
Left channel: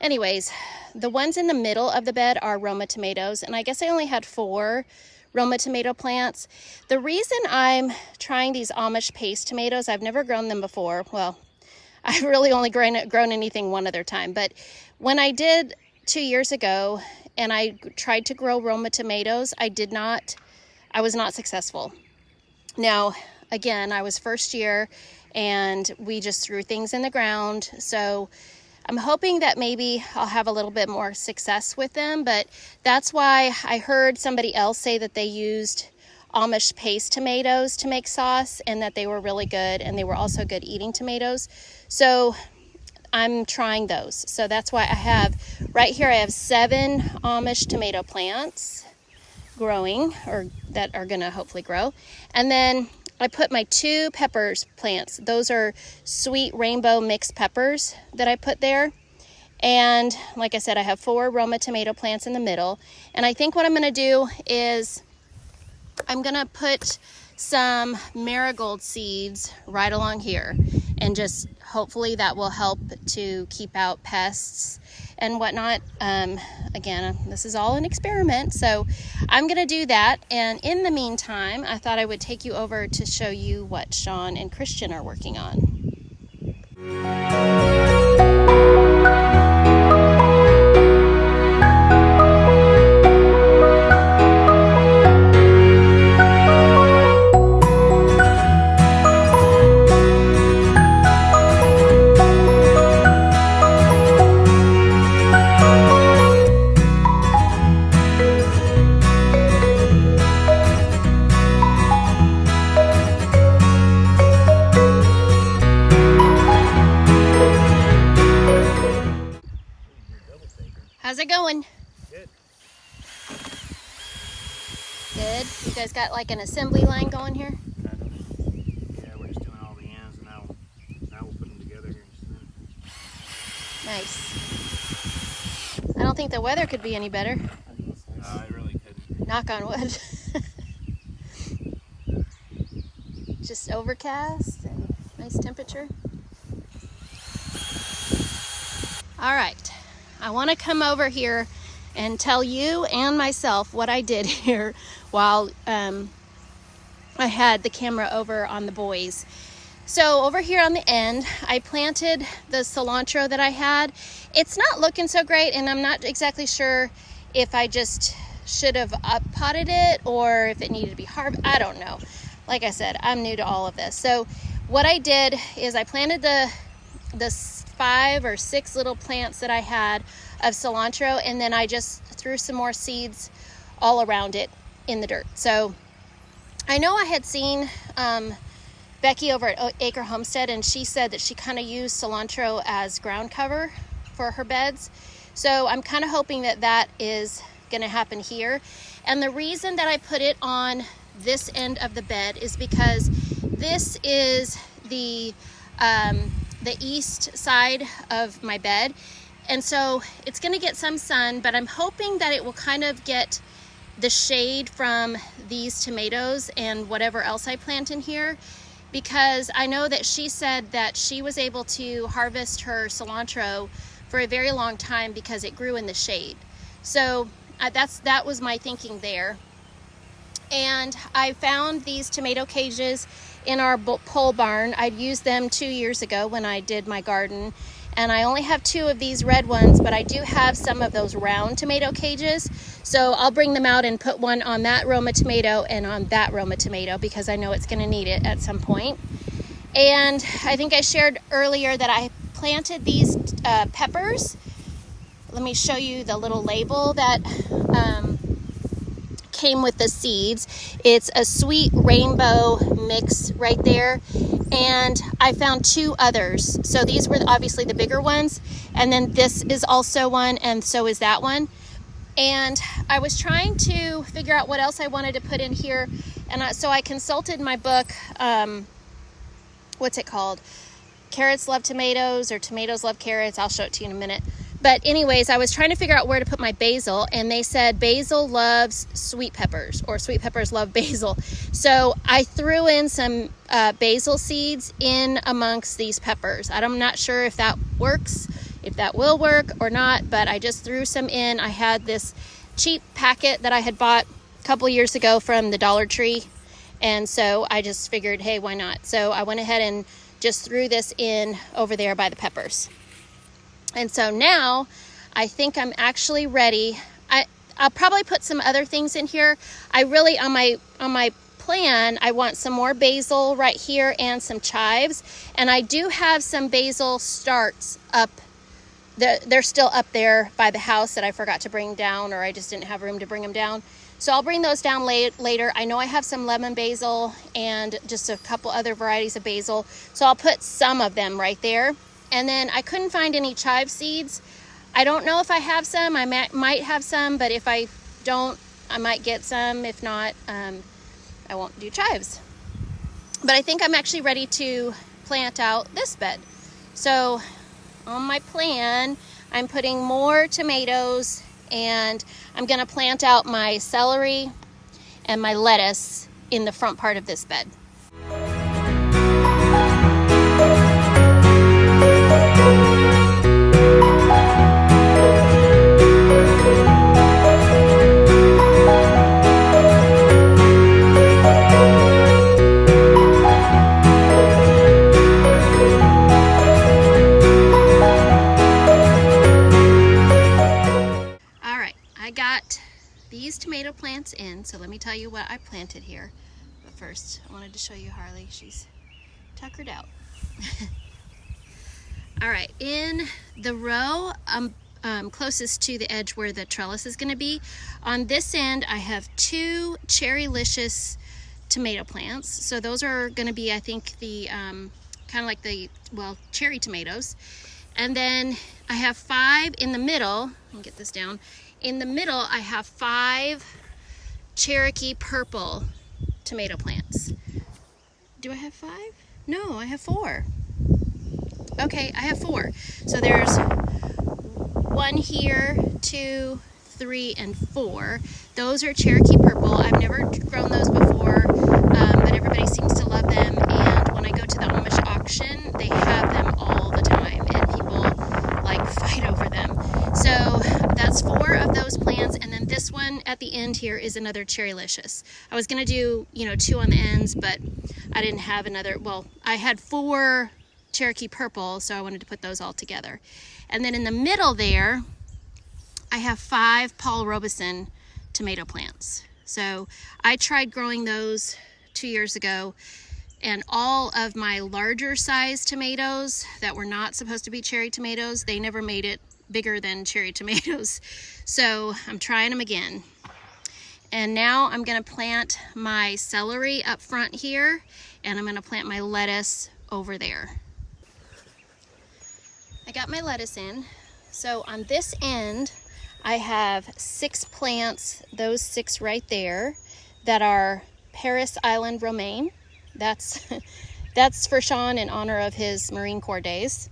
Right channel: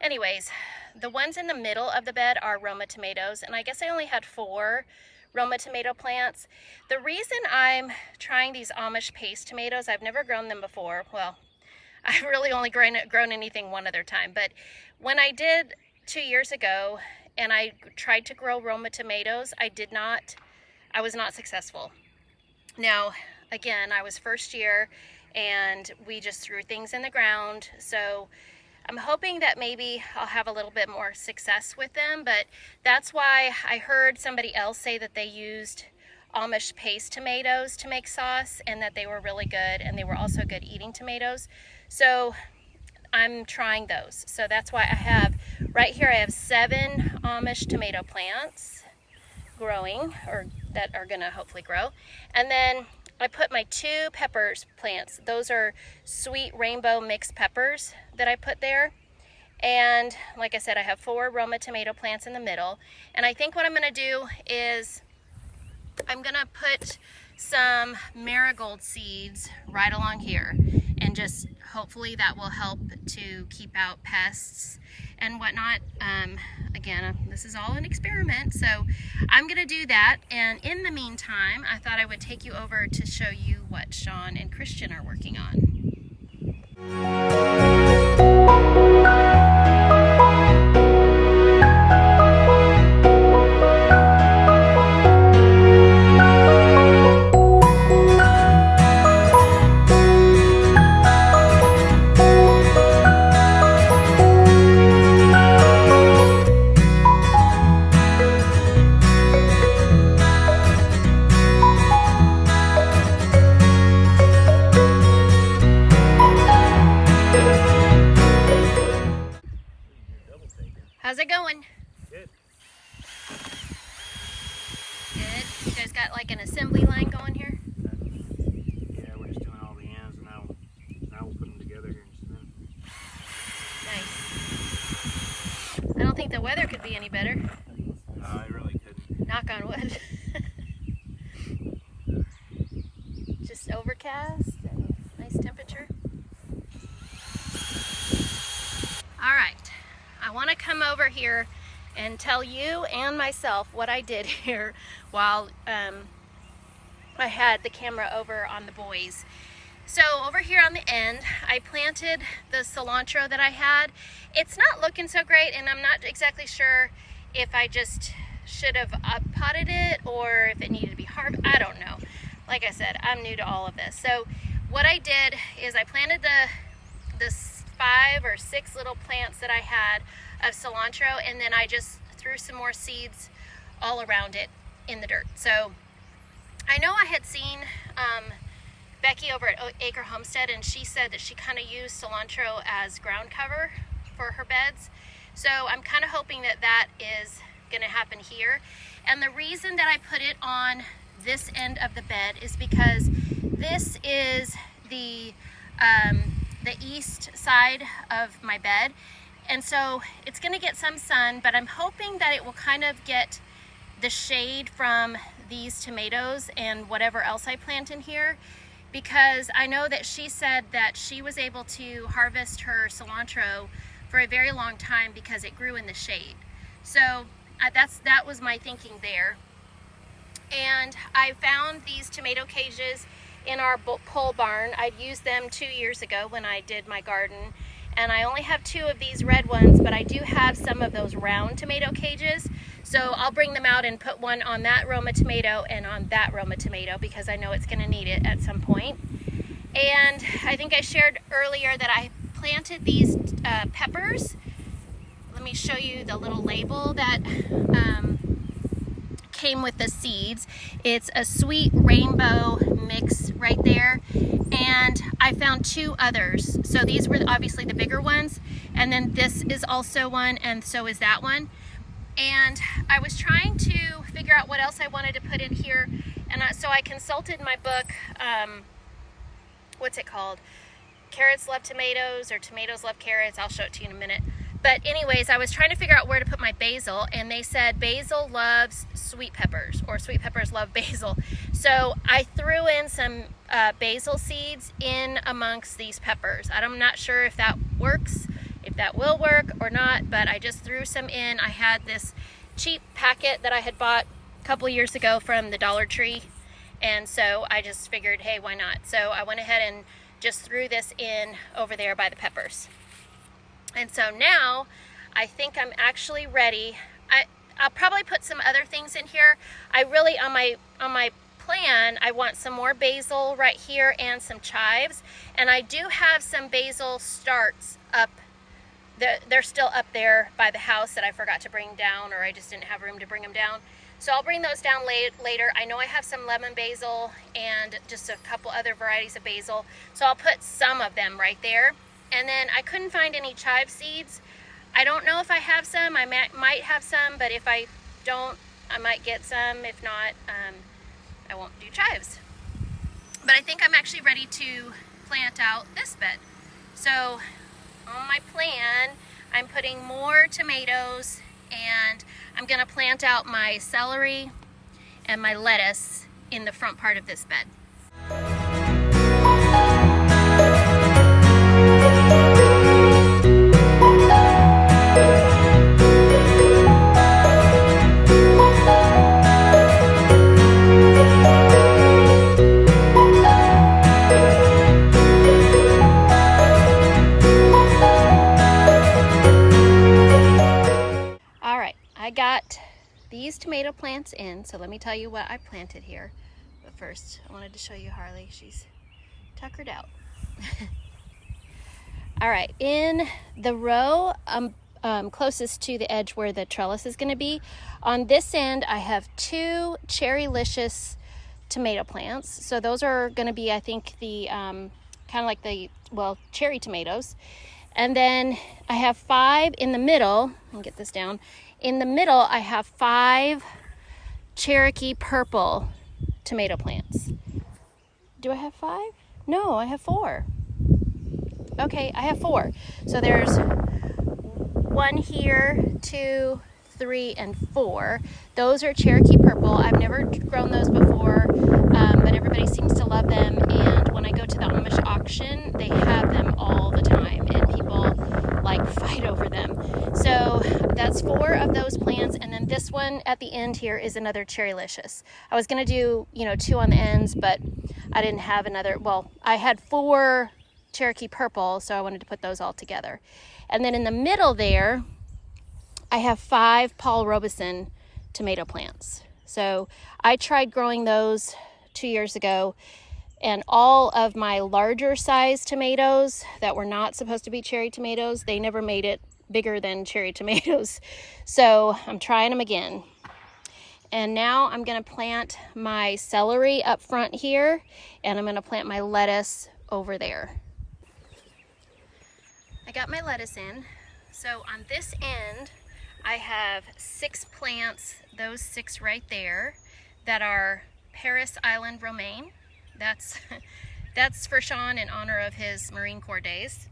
anyways, the ones in the middle of the bed are Roma tomatoes, and I guess I only had 4 Roma tomato plants. The reason I'm trying these Amish paste tomatoes, I've never grown them before. Well, I've really only grown anything one other time, but when I did 2 years ago and I tried to grow Roma tomatoes, I was not successful. Now, again, I was first year and we just threw things in the ground, so I'm hoping that maybe I'll have a little bit more success with them, but that's why I heard somebody else say that they used Amish paste tomatoes to make sauce and that they were really good, and they were also good eating tomatoes. So I'm trying those. So that's why I have, right here I have 7 Amish tomato plants growing, or that are gonna hopefully grow. And then I put my 2 peppers plants. Those are sweet rainbow mixed peppers that I put there. And like I said, I have 4 Roma tomato plants in the middle. And I think what I'm gonna do is I'm gonna put some marigold seeds right along here, and just hopefully that will help to keep out pests and whatnot. Again, this is all an experiment, so I'm gonna do that. And in the meantime, I thought I would take you over to show you what Shawn and Christian are working on. How's it going? Good. Good. You guys got like an assembly line going here? Yeah, we're just doing all the ends, and now we'll put them together here in just a minute. Nice. I don't think the weather could be any better. No, it really couldn't. Knock on wood. Just overcast. Nice temperature. All right. I want to come over here and tell you and myself what I did here while I had the camera over on the boys. So over here on the end, I planted the cilantro that I had. It's not looking so great, and I'm not exactly sure if I just should have potted it or if it needed to be harvested. I don't know. Like I said, I'm new to all of this. So what I did is I planted the 5 or 6 little plants that I had of cilantro, and then I just threw some more seeds all around it in the dirt. So I know I had seen Becky over at Acre Homestead, and she said that she kind of used cilantro as ground cover for her beds. So I'm kind of hoping that that is going to happen here. And the reason that I put it on this end of the bed is because this is the east side of my bed, and so it's going to get some sun, but I'm hoping that it will kind of get the shade from these tomatoes and whatever else I plant in here, because I know that she said that she was able to harvest her cilantro for a very long time because it grew in the shade. So that was my thinking there. And I found these tomato cages in our pole barn. I'd used them 2 years ago when I did my garden, and I only have 2 of these red ones, but I do have some of those round tomato cages. So I'll bring them out and put one on that Roma tomato and on that Roma tomato, because I know it's going to need it at some point. And I think I shared earlier that I planted these peppers. Let me show you the little label that came with the seeds. It's a sweet rainbow mix right there, and I found 2 others. So these were obviously the bigger ones, and then this is also one, and so is that one. And I was trying to figure out what else I wanted to put in here, and so I consulted my book, what's it called? Carrots Love Tomatoes, or Tomatoes Love Carrots. I'll show it to you in a minute. But anyways, I was trying to figure out where to put my basil, and they said basil loves sweet peppers, or sweet peppers love basil. So I threw in some basil seeds in amongst these peppers. I'm not sure if that works, if that will work or not, but I just threw some in. I had this cheap packet that I had bought a couple years ago from the Dollar Tree, and so I just figured, hey, why not? So I went ahead and just threw this in over there by the peppers. And so now I think I'm actually ready. I'll probably put some other things in here. I really, on my plan, I want some more basil right here and some chives. And I do have some basil starts up. They're still up there by the house that I forgot to bring down, or I just didn't have room to bring them down. So I'll bring those down later. I know I have some lemon basil and just a couple other varieties of basil. So I'll put some of them right there. And then I couldn't find any chive seeds. I don't know if I have some. I might have some, but if I don't, I might get some. If not, I won't do chives. But I think I'm actually ready to plant out this bed. So on my plan, I'm putting more tomatoes, and I'm gonna plant out my celery and my lettuce in the front part of this bed. These tomato plants in, so let me tell you what I planted here. But first, I wanted to show you Harley. She's tuckered out. All right, in the row closest to the edge where the trellis is going to be, on this end I have 2 Cherrylicious tomato plants. So those are going to be, I think, the kind of like the, well, cherry tomatoes. And then I have 5 in the middle. I'll get this down. In the middle, I have 5 Cherokee purple tomato plants. Do I have 5? No, I have 4. Okay, I have 4. So there's 1 here, 2, 3, and 4. Those are Cherokee purple. I've never grown those before, but everybody seems to love them. And when I go to the Amish auction, they have them all the time, and people like fight over them. So that's that's 4 of those plants, and then this one at the end here is another Cherrylicious. I was gonna do, you know, 2 on the ends, but I didn't have another. Well, I had 4 Cherokee Purple, so I wanted to put those all together. And then in the middle there, I have 5 Paul Robeson tomato plants. So I tried growing those 2 years ago, and all of my larger size tomatoes that were not supposed to be cherry tomatoes, they never made it bigger than cherry tomatoes. So I'm trying them again. And now I'm gonna plant my celery up front here, and I'm gonna plant my lettuce over there. I got my lettuce in. So on this end, I have 6 plants, those 6 right there, that are Paris Island romaine. That's for Shawn in honor of his Marine Corps days.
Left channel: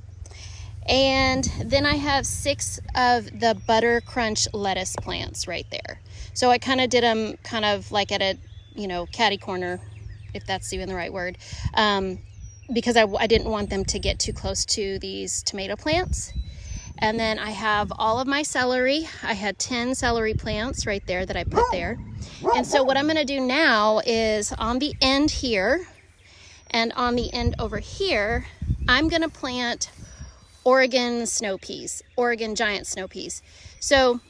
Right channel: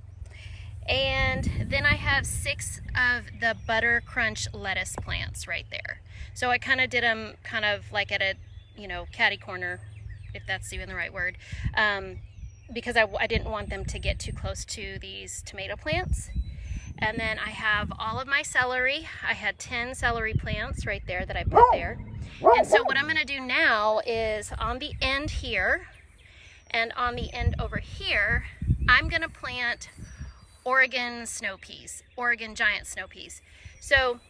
And then I have 6 of the Butter Crunch lettuce plants right there. So I kind of did them kind of like at a, you know, catty corner, if that's even the right word, because I didn't want them to get too close to these tomato plants. And then I have all of my celery. I had 10 celery plants right there that I put there. And so what I'm gonna do now is on the end here and on the end over here, I'm gonna plant Oregon snow peas, Oregon giant snow peas. So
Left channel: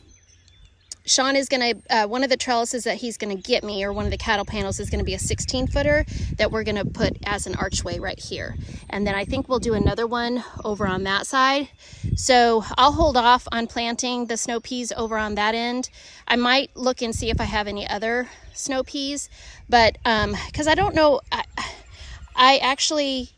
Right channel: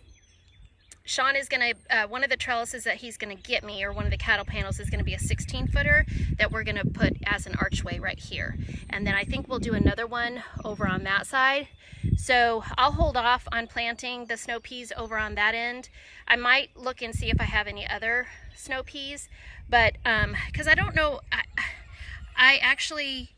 Shawn is gonna, one of the trellises that he's gonna get me, or one of the cattle panels, is gonna be a 16-footer that we're gonna put as an archway right here. And then I think we'll do another one over on that side. So I'll hold off on planting the snow peas over on that end. I might look and see if I have any other snow peas, but because I don't know, I actually,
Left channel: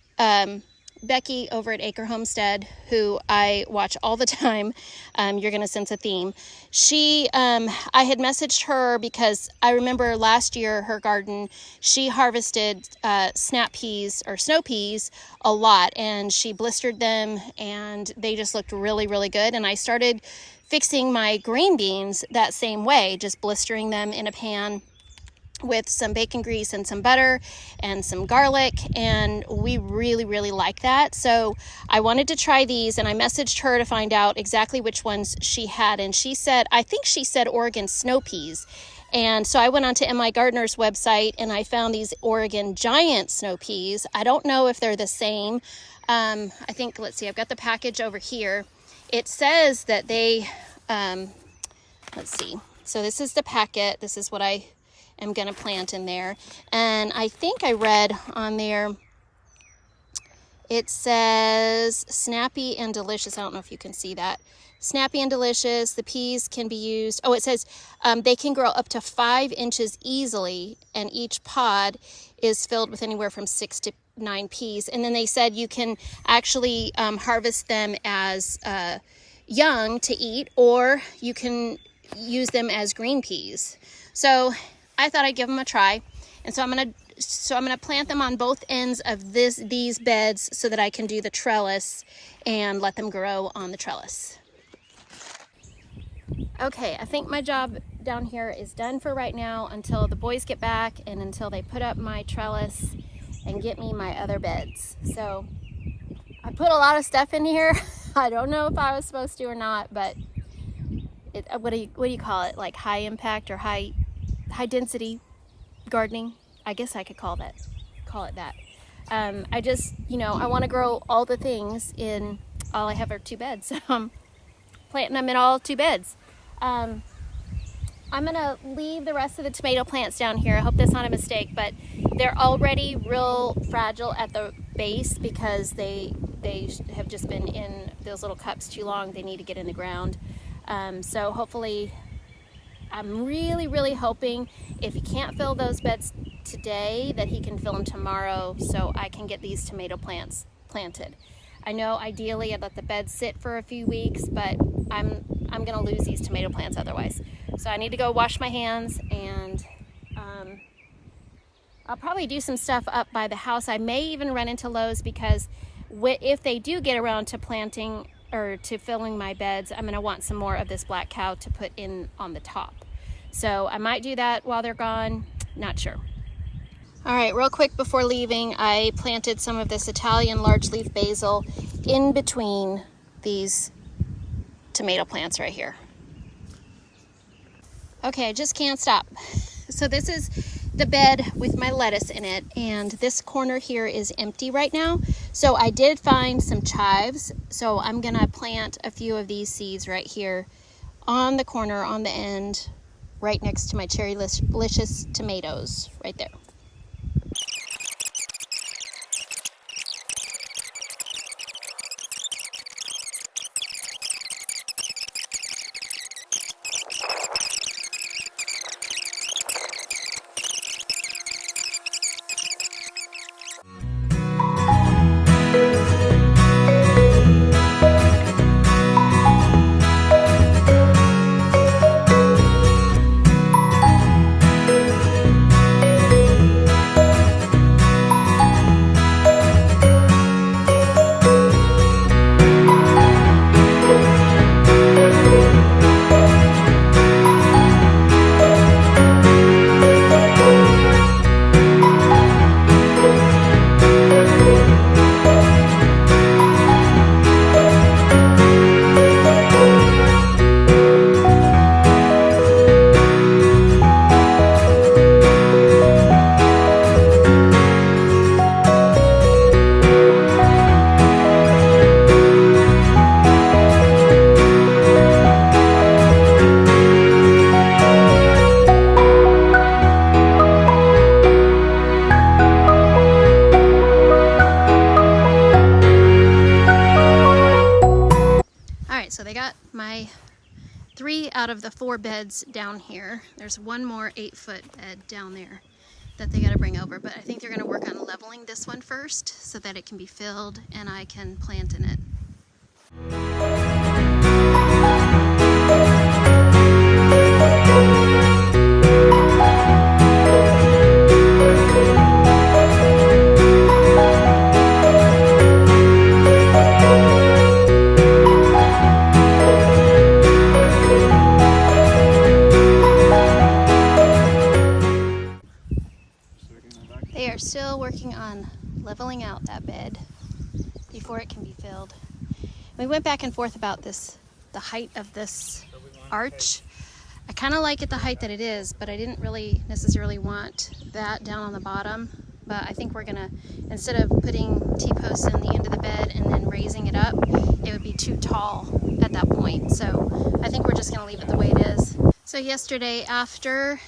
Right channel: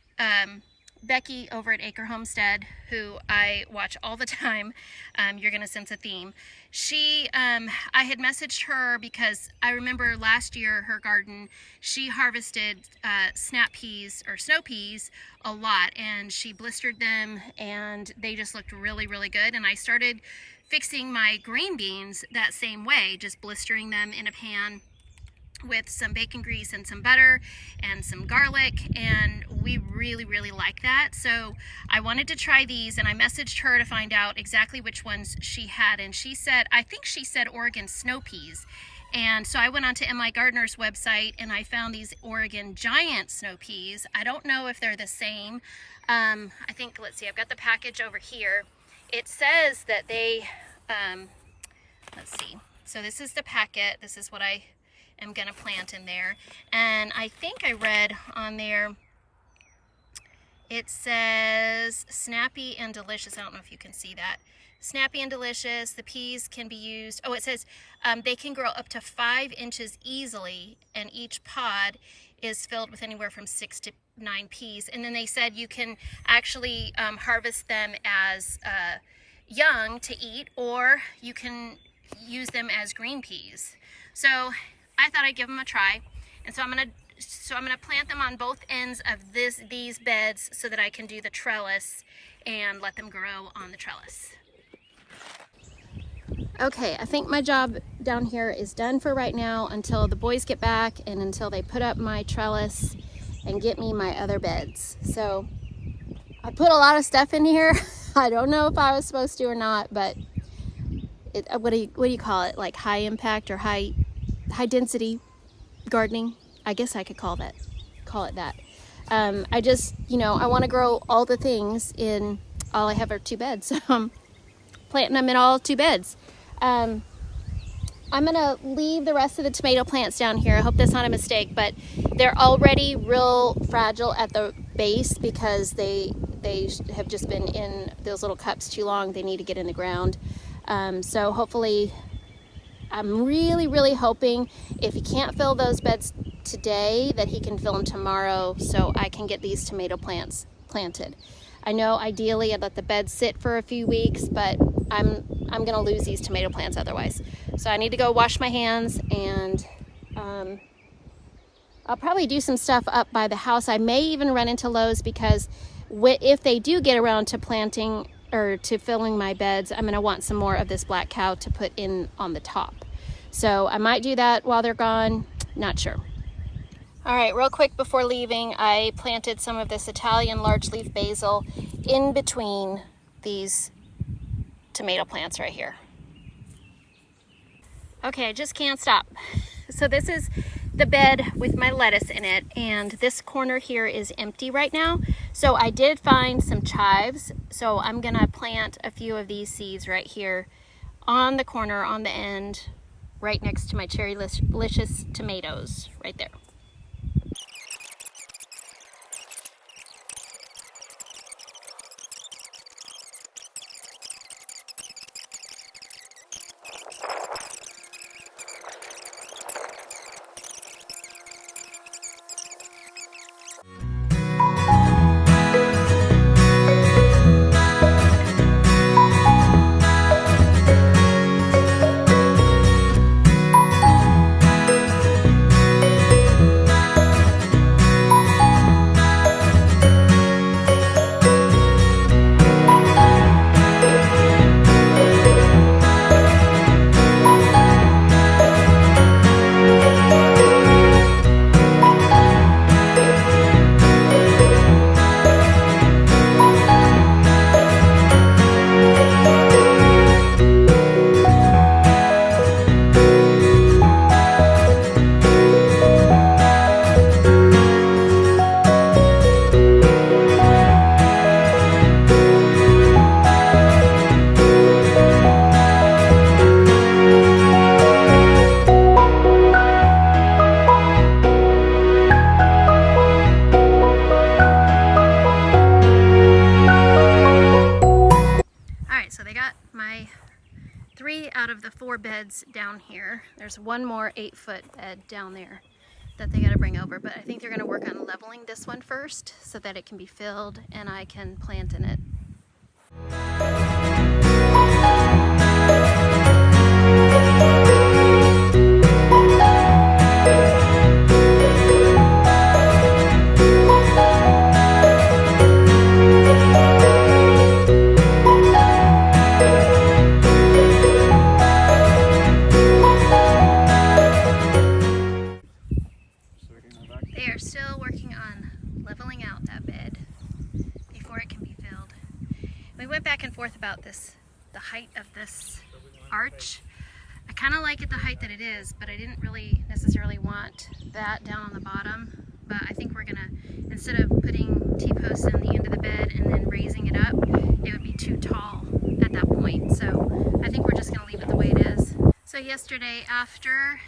Becky over at Acre Homestead, who I watch all the time, you're gonna sense a theme. She, I had messaged her because I remember last year her garden, she harvested snap peas or snow peas a lot, and she blistered them and they just looked really, really good. And I started fixing my green beans that same way, just blistering them in a pan with some bacon grease and some butter and some garlic, and we really, really like that. So I wanted to try these, and I messaged her to find out exactly which ones she had, and she said, I think she said Oregon snow peas. And so I went on to MI Gardener's website and I found these Oregon giant snow peas. I don't know if they're the same. I think, let's see, I've got the package over here. It says that they, let's see. So this is the packet. This is what I am going to plant in there. And I think I read on there, it says snappy and delicious. I don't know if you can see that. Snappy and delicious. The peas can be used. Oh, it says they can grow up to 5 inches easily, and each pod is filled with anywhere from 6 to 9 peas. And then they said you can actually harvest them as young to eat, or you can use them as green peas. So I thought I'd give them a try, and so I'm gonna plant them on both ends of these beds so that I can do the trellis and let them grow on the trellis. Okay, I think my job down here is done for right now until the boys get back and until they put up my trellis and get me my other beds. So I put a lot of stuff in here. I don't know if I was supposed to or not, but what do you call it? Like high impact or high density gardening, I guess I could call it that. I just, you know, I want to grow all the things in, all I have are 2 beds, so I'm planting them in all 2 beds. I'm gonna leave the rest of the tomato plants down here. I hope that's not a mistake, but they're already real fragile at the base because they have just been in those little cups too long. They need to get in the ground. So hopefully, I'm really, really hoping if he can't fill those beds today, that he can fill them tomorrow so I can get these tomato plants planted. I know ideally I'd let the beds sit for a few weeks, but I'm gonna lose these tomato plants otherwise. So I need to go wash my hands, and I'll probably do some stuff up by the house. I may even run into Lowe's, because if they do get around to planting or to filling my beds, I'm gonna want some more of this black cow to put in on the top. So I might do that while they're gone, not sure. All right, real quick before leaving, I planted some of this Italian large leaf basil in between these tomato plants right here. Okay, I just can't stop. So this is the bed with my lettuce in it, and this corner here is empty right now. So I did find some chives, so I'm gonna plant a few of these seeds right here on the corner, on the end, right next to my cherry-licious tomatoes, right there. So they got my 3 out of the 4 beds down here. There's one more 8-foot bed down there that they got to bring over, but I think they're going to work on leveling this one first so that it can be filled and I can plant in it. They are still working on leveling out that bed before it can be filled. We went back and forth about the height of this arch. I kind of like it the height that it is, but I didn't really necessarily want that down on the bottom. But I think we're gonna, instead of putting T-posts in the end of the bed and then raising it up, it would be too tall at that point. So I think we're just gonna leave it the way it is. So yesterday after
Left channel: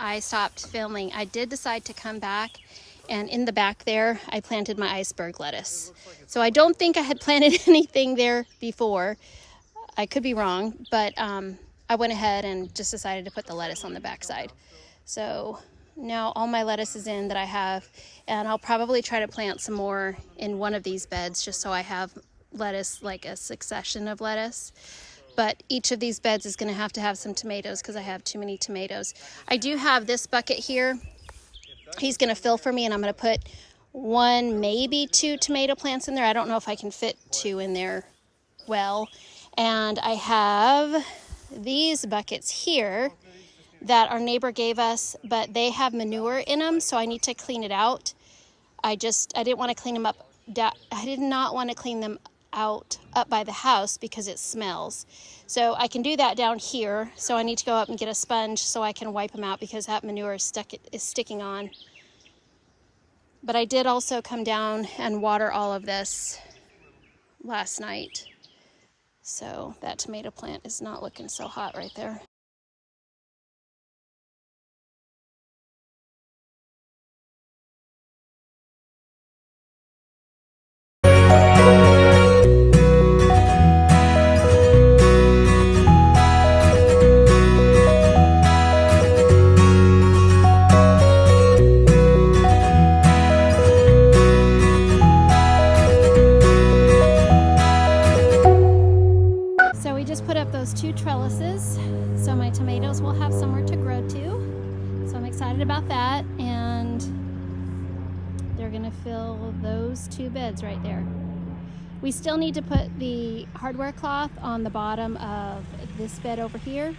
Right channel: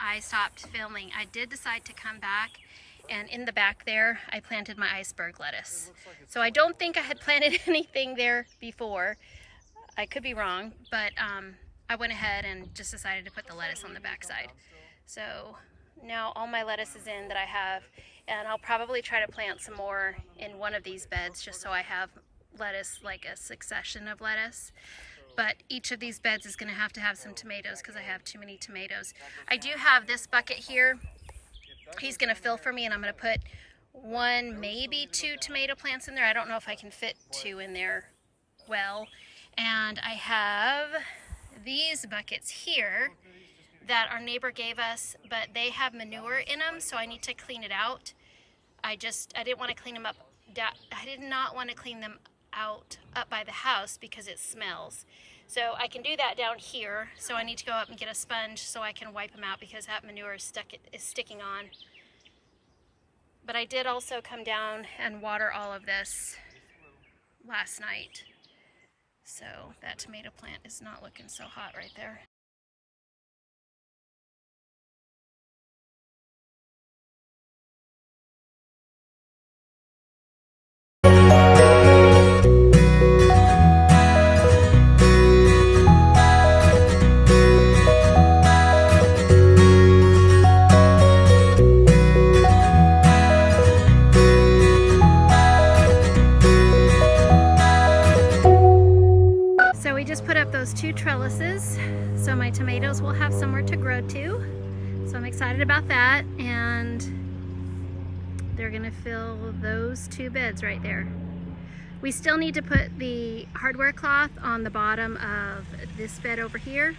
I stopped filming, I did decide to come back, and in the back there I planted my iceberg lettuce. So I don't think I had planted anything there before. I could be wrong, but I went ahead and just decided to put the lettuce on the back side. So now all my lettuce is in that I have, and I'll probably try to plant some more in one of these beds just so I have lettuce, like a succession of lettuce. But each of these beds is going to have some tomatoes because I have too many tomatoes. I do have this bucket here. He's going to fill for me, and I'm going to put 1, maybe 2 tomato plants in there. I don't know if I can fit 2 in there well. And I have these buckets here that our neighbor gave us, but they have manure in them, so I need to clean it out. I didn't want to clean them up. I did not want to clean them out up by the house because it smells. So I can do that down here. So I need to go up and get a sponge so I can wipe them out because that manure is sticking on. But I did also come down and water all of this last night. So that tomato plant is not looking so hot right there. Put up those 2 trellises so my tomatoes will have somewhere to grow to. So I'm excited about that, and they're gonna fill those 2 beds right there. We still need to put the hardware cloth on the bottom of this bed over here,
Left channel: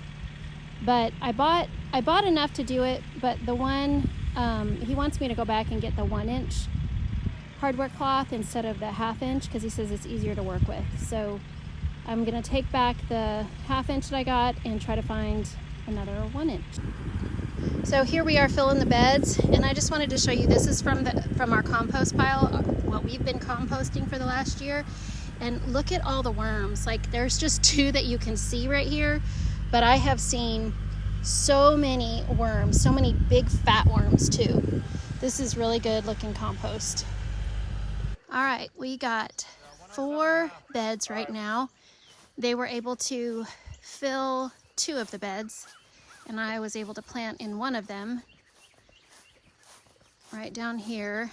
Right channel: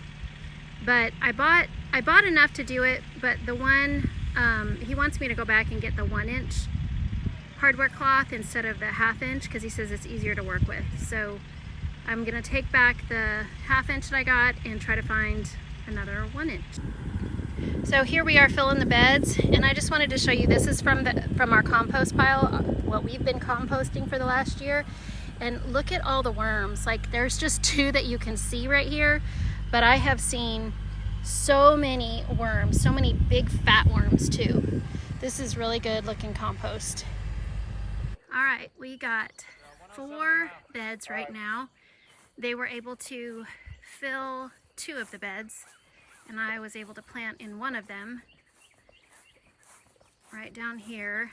but I bought enough to do it, but the one he wants me to go back and get the 1-inch hardware cloth instead of the 1/2 inch because he says it's easier to work with. So I'm gonna take back the 1/2 inch that I got and try to find another 1 inch. So here we are filling the beds, and I just wanted to show you, this is from our compost pile, what we've been composting for the last year. And look at all the worms. Like, there's just 2 that you can see right here, but I have seen so many worms, so many big fat worms too. This is really good looking compost. All right, we got 4 beds right now. They were able to fill 2 of the beds, and I was able to plant in 1 of them right down here.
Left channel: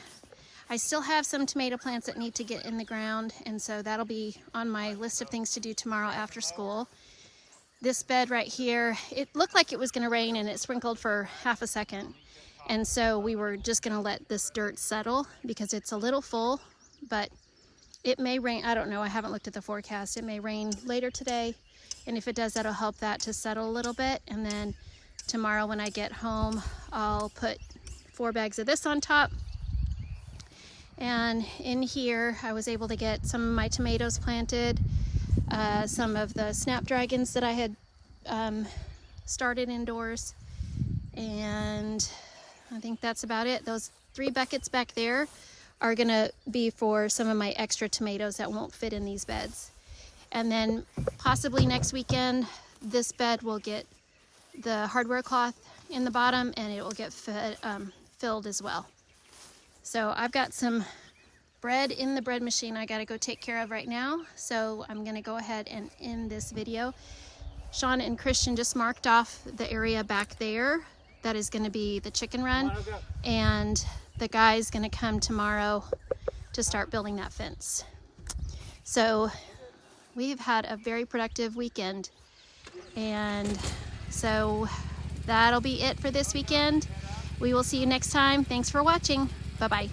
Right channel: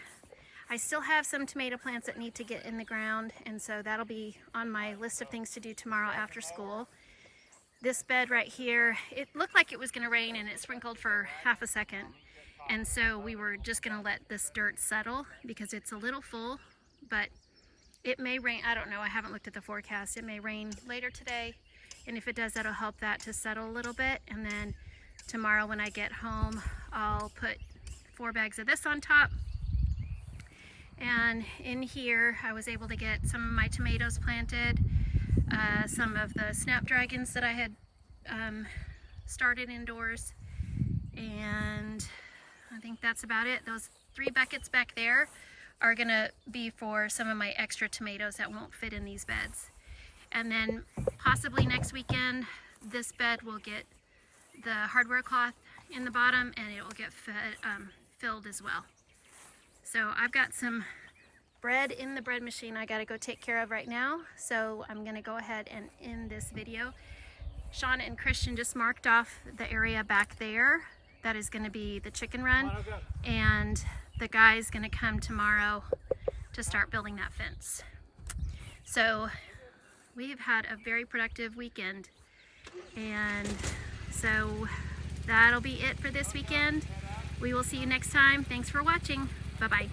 I still have some tomato plants that need to get in the ground, and so that'll be on my list of things to do tomorrow after school. This bed right here, it looked like it was going to rain, and it sprinkled for half a second, and so we were just going to let this dirt settle because it's a little full, but it may rain. I don't know, I haven't looked at the forecast. It may rain later today, and if it does, that'll help that to settle a little bit. And then tomorrow when I get home, I'll put 4 bags of this on top. And in here, I was able to get some of my tomatoes planted, some of the snapdragons that I had started indoors, and I think that's about it. Those 3 buckets back there are gonna be for some of my extra tomatoes that won't fit in these beds. And then possibly next weekend, this bed will get the hardware cloth in the bottom, and it will get filled as well. So I've got some bread in the bread machine I gotta go take care of right now. So I'm gonna go ahead and end this video. Shawn and Christian just marked off the area back there. That is gonna be the chicken run. And the guy's gonna come tomorrow to start building that fence. So we have had a very productive weekend. And so that'll be it for this weekend. We will see you next time. Thanks for watching. Bye-bye.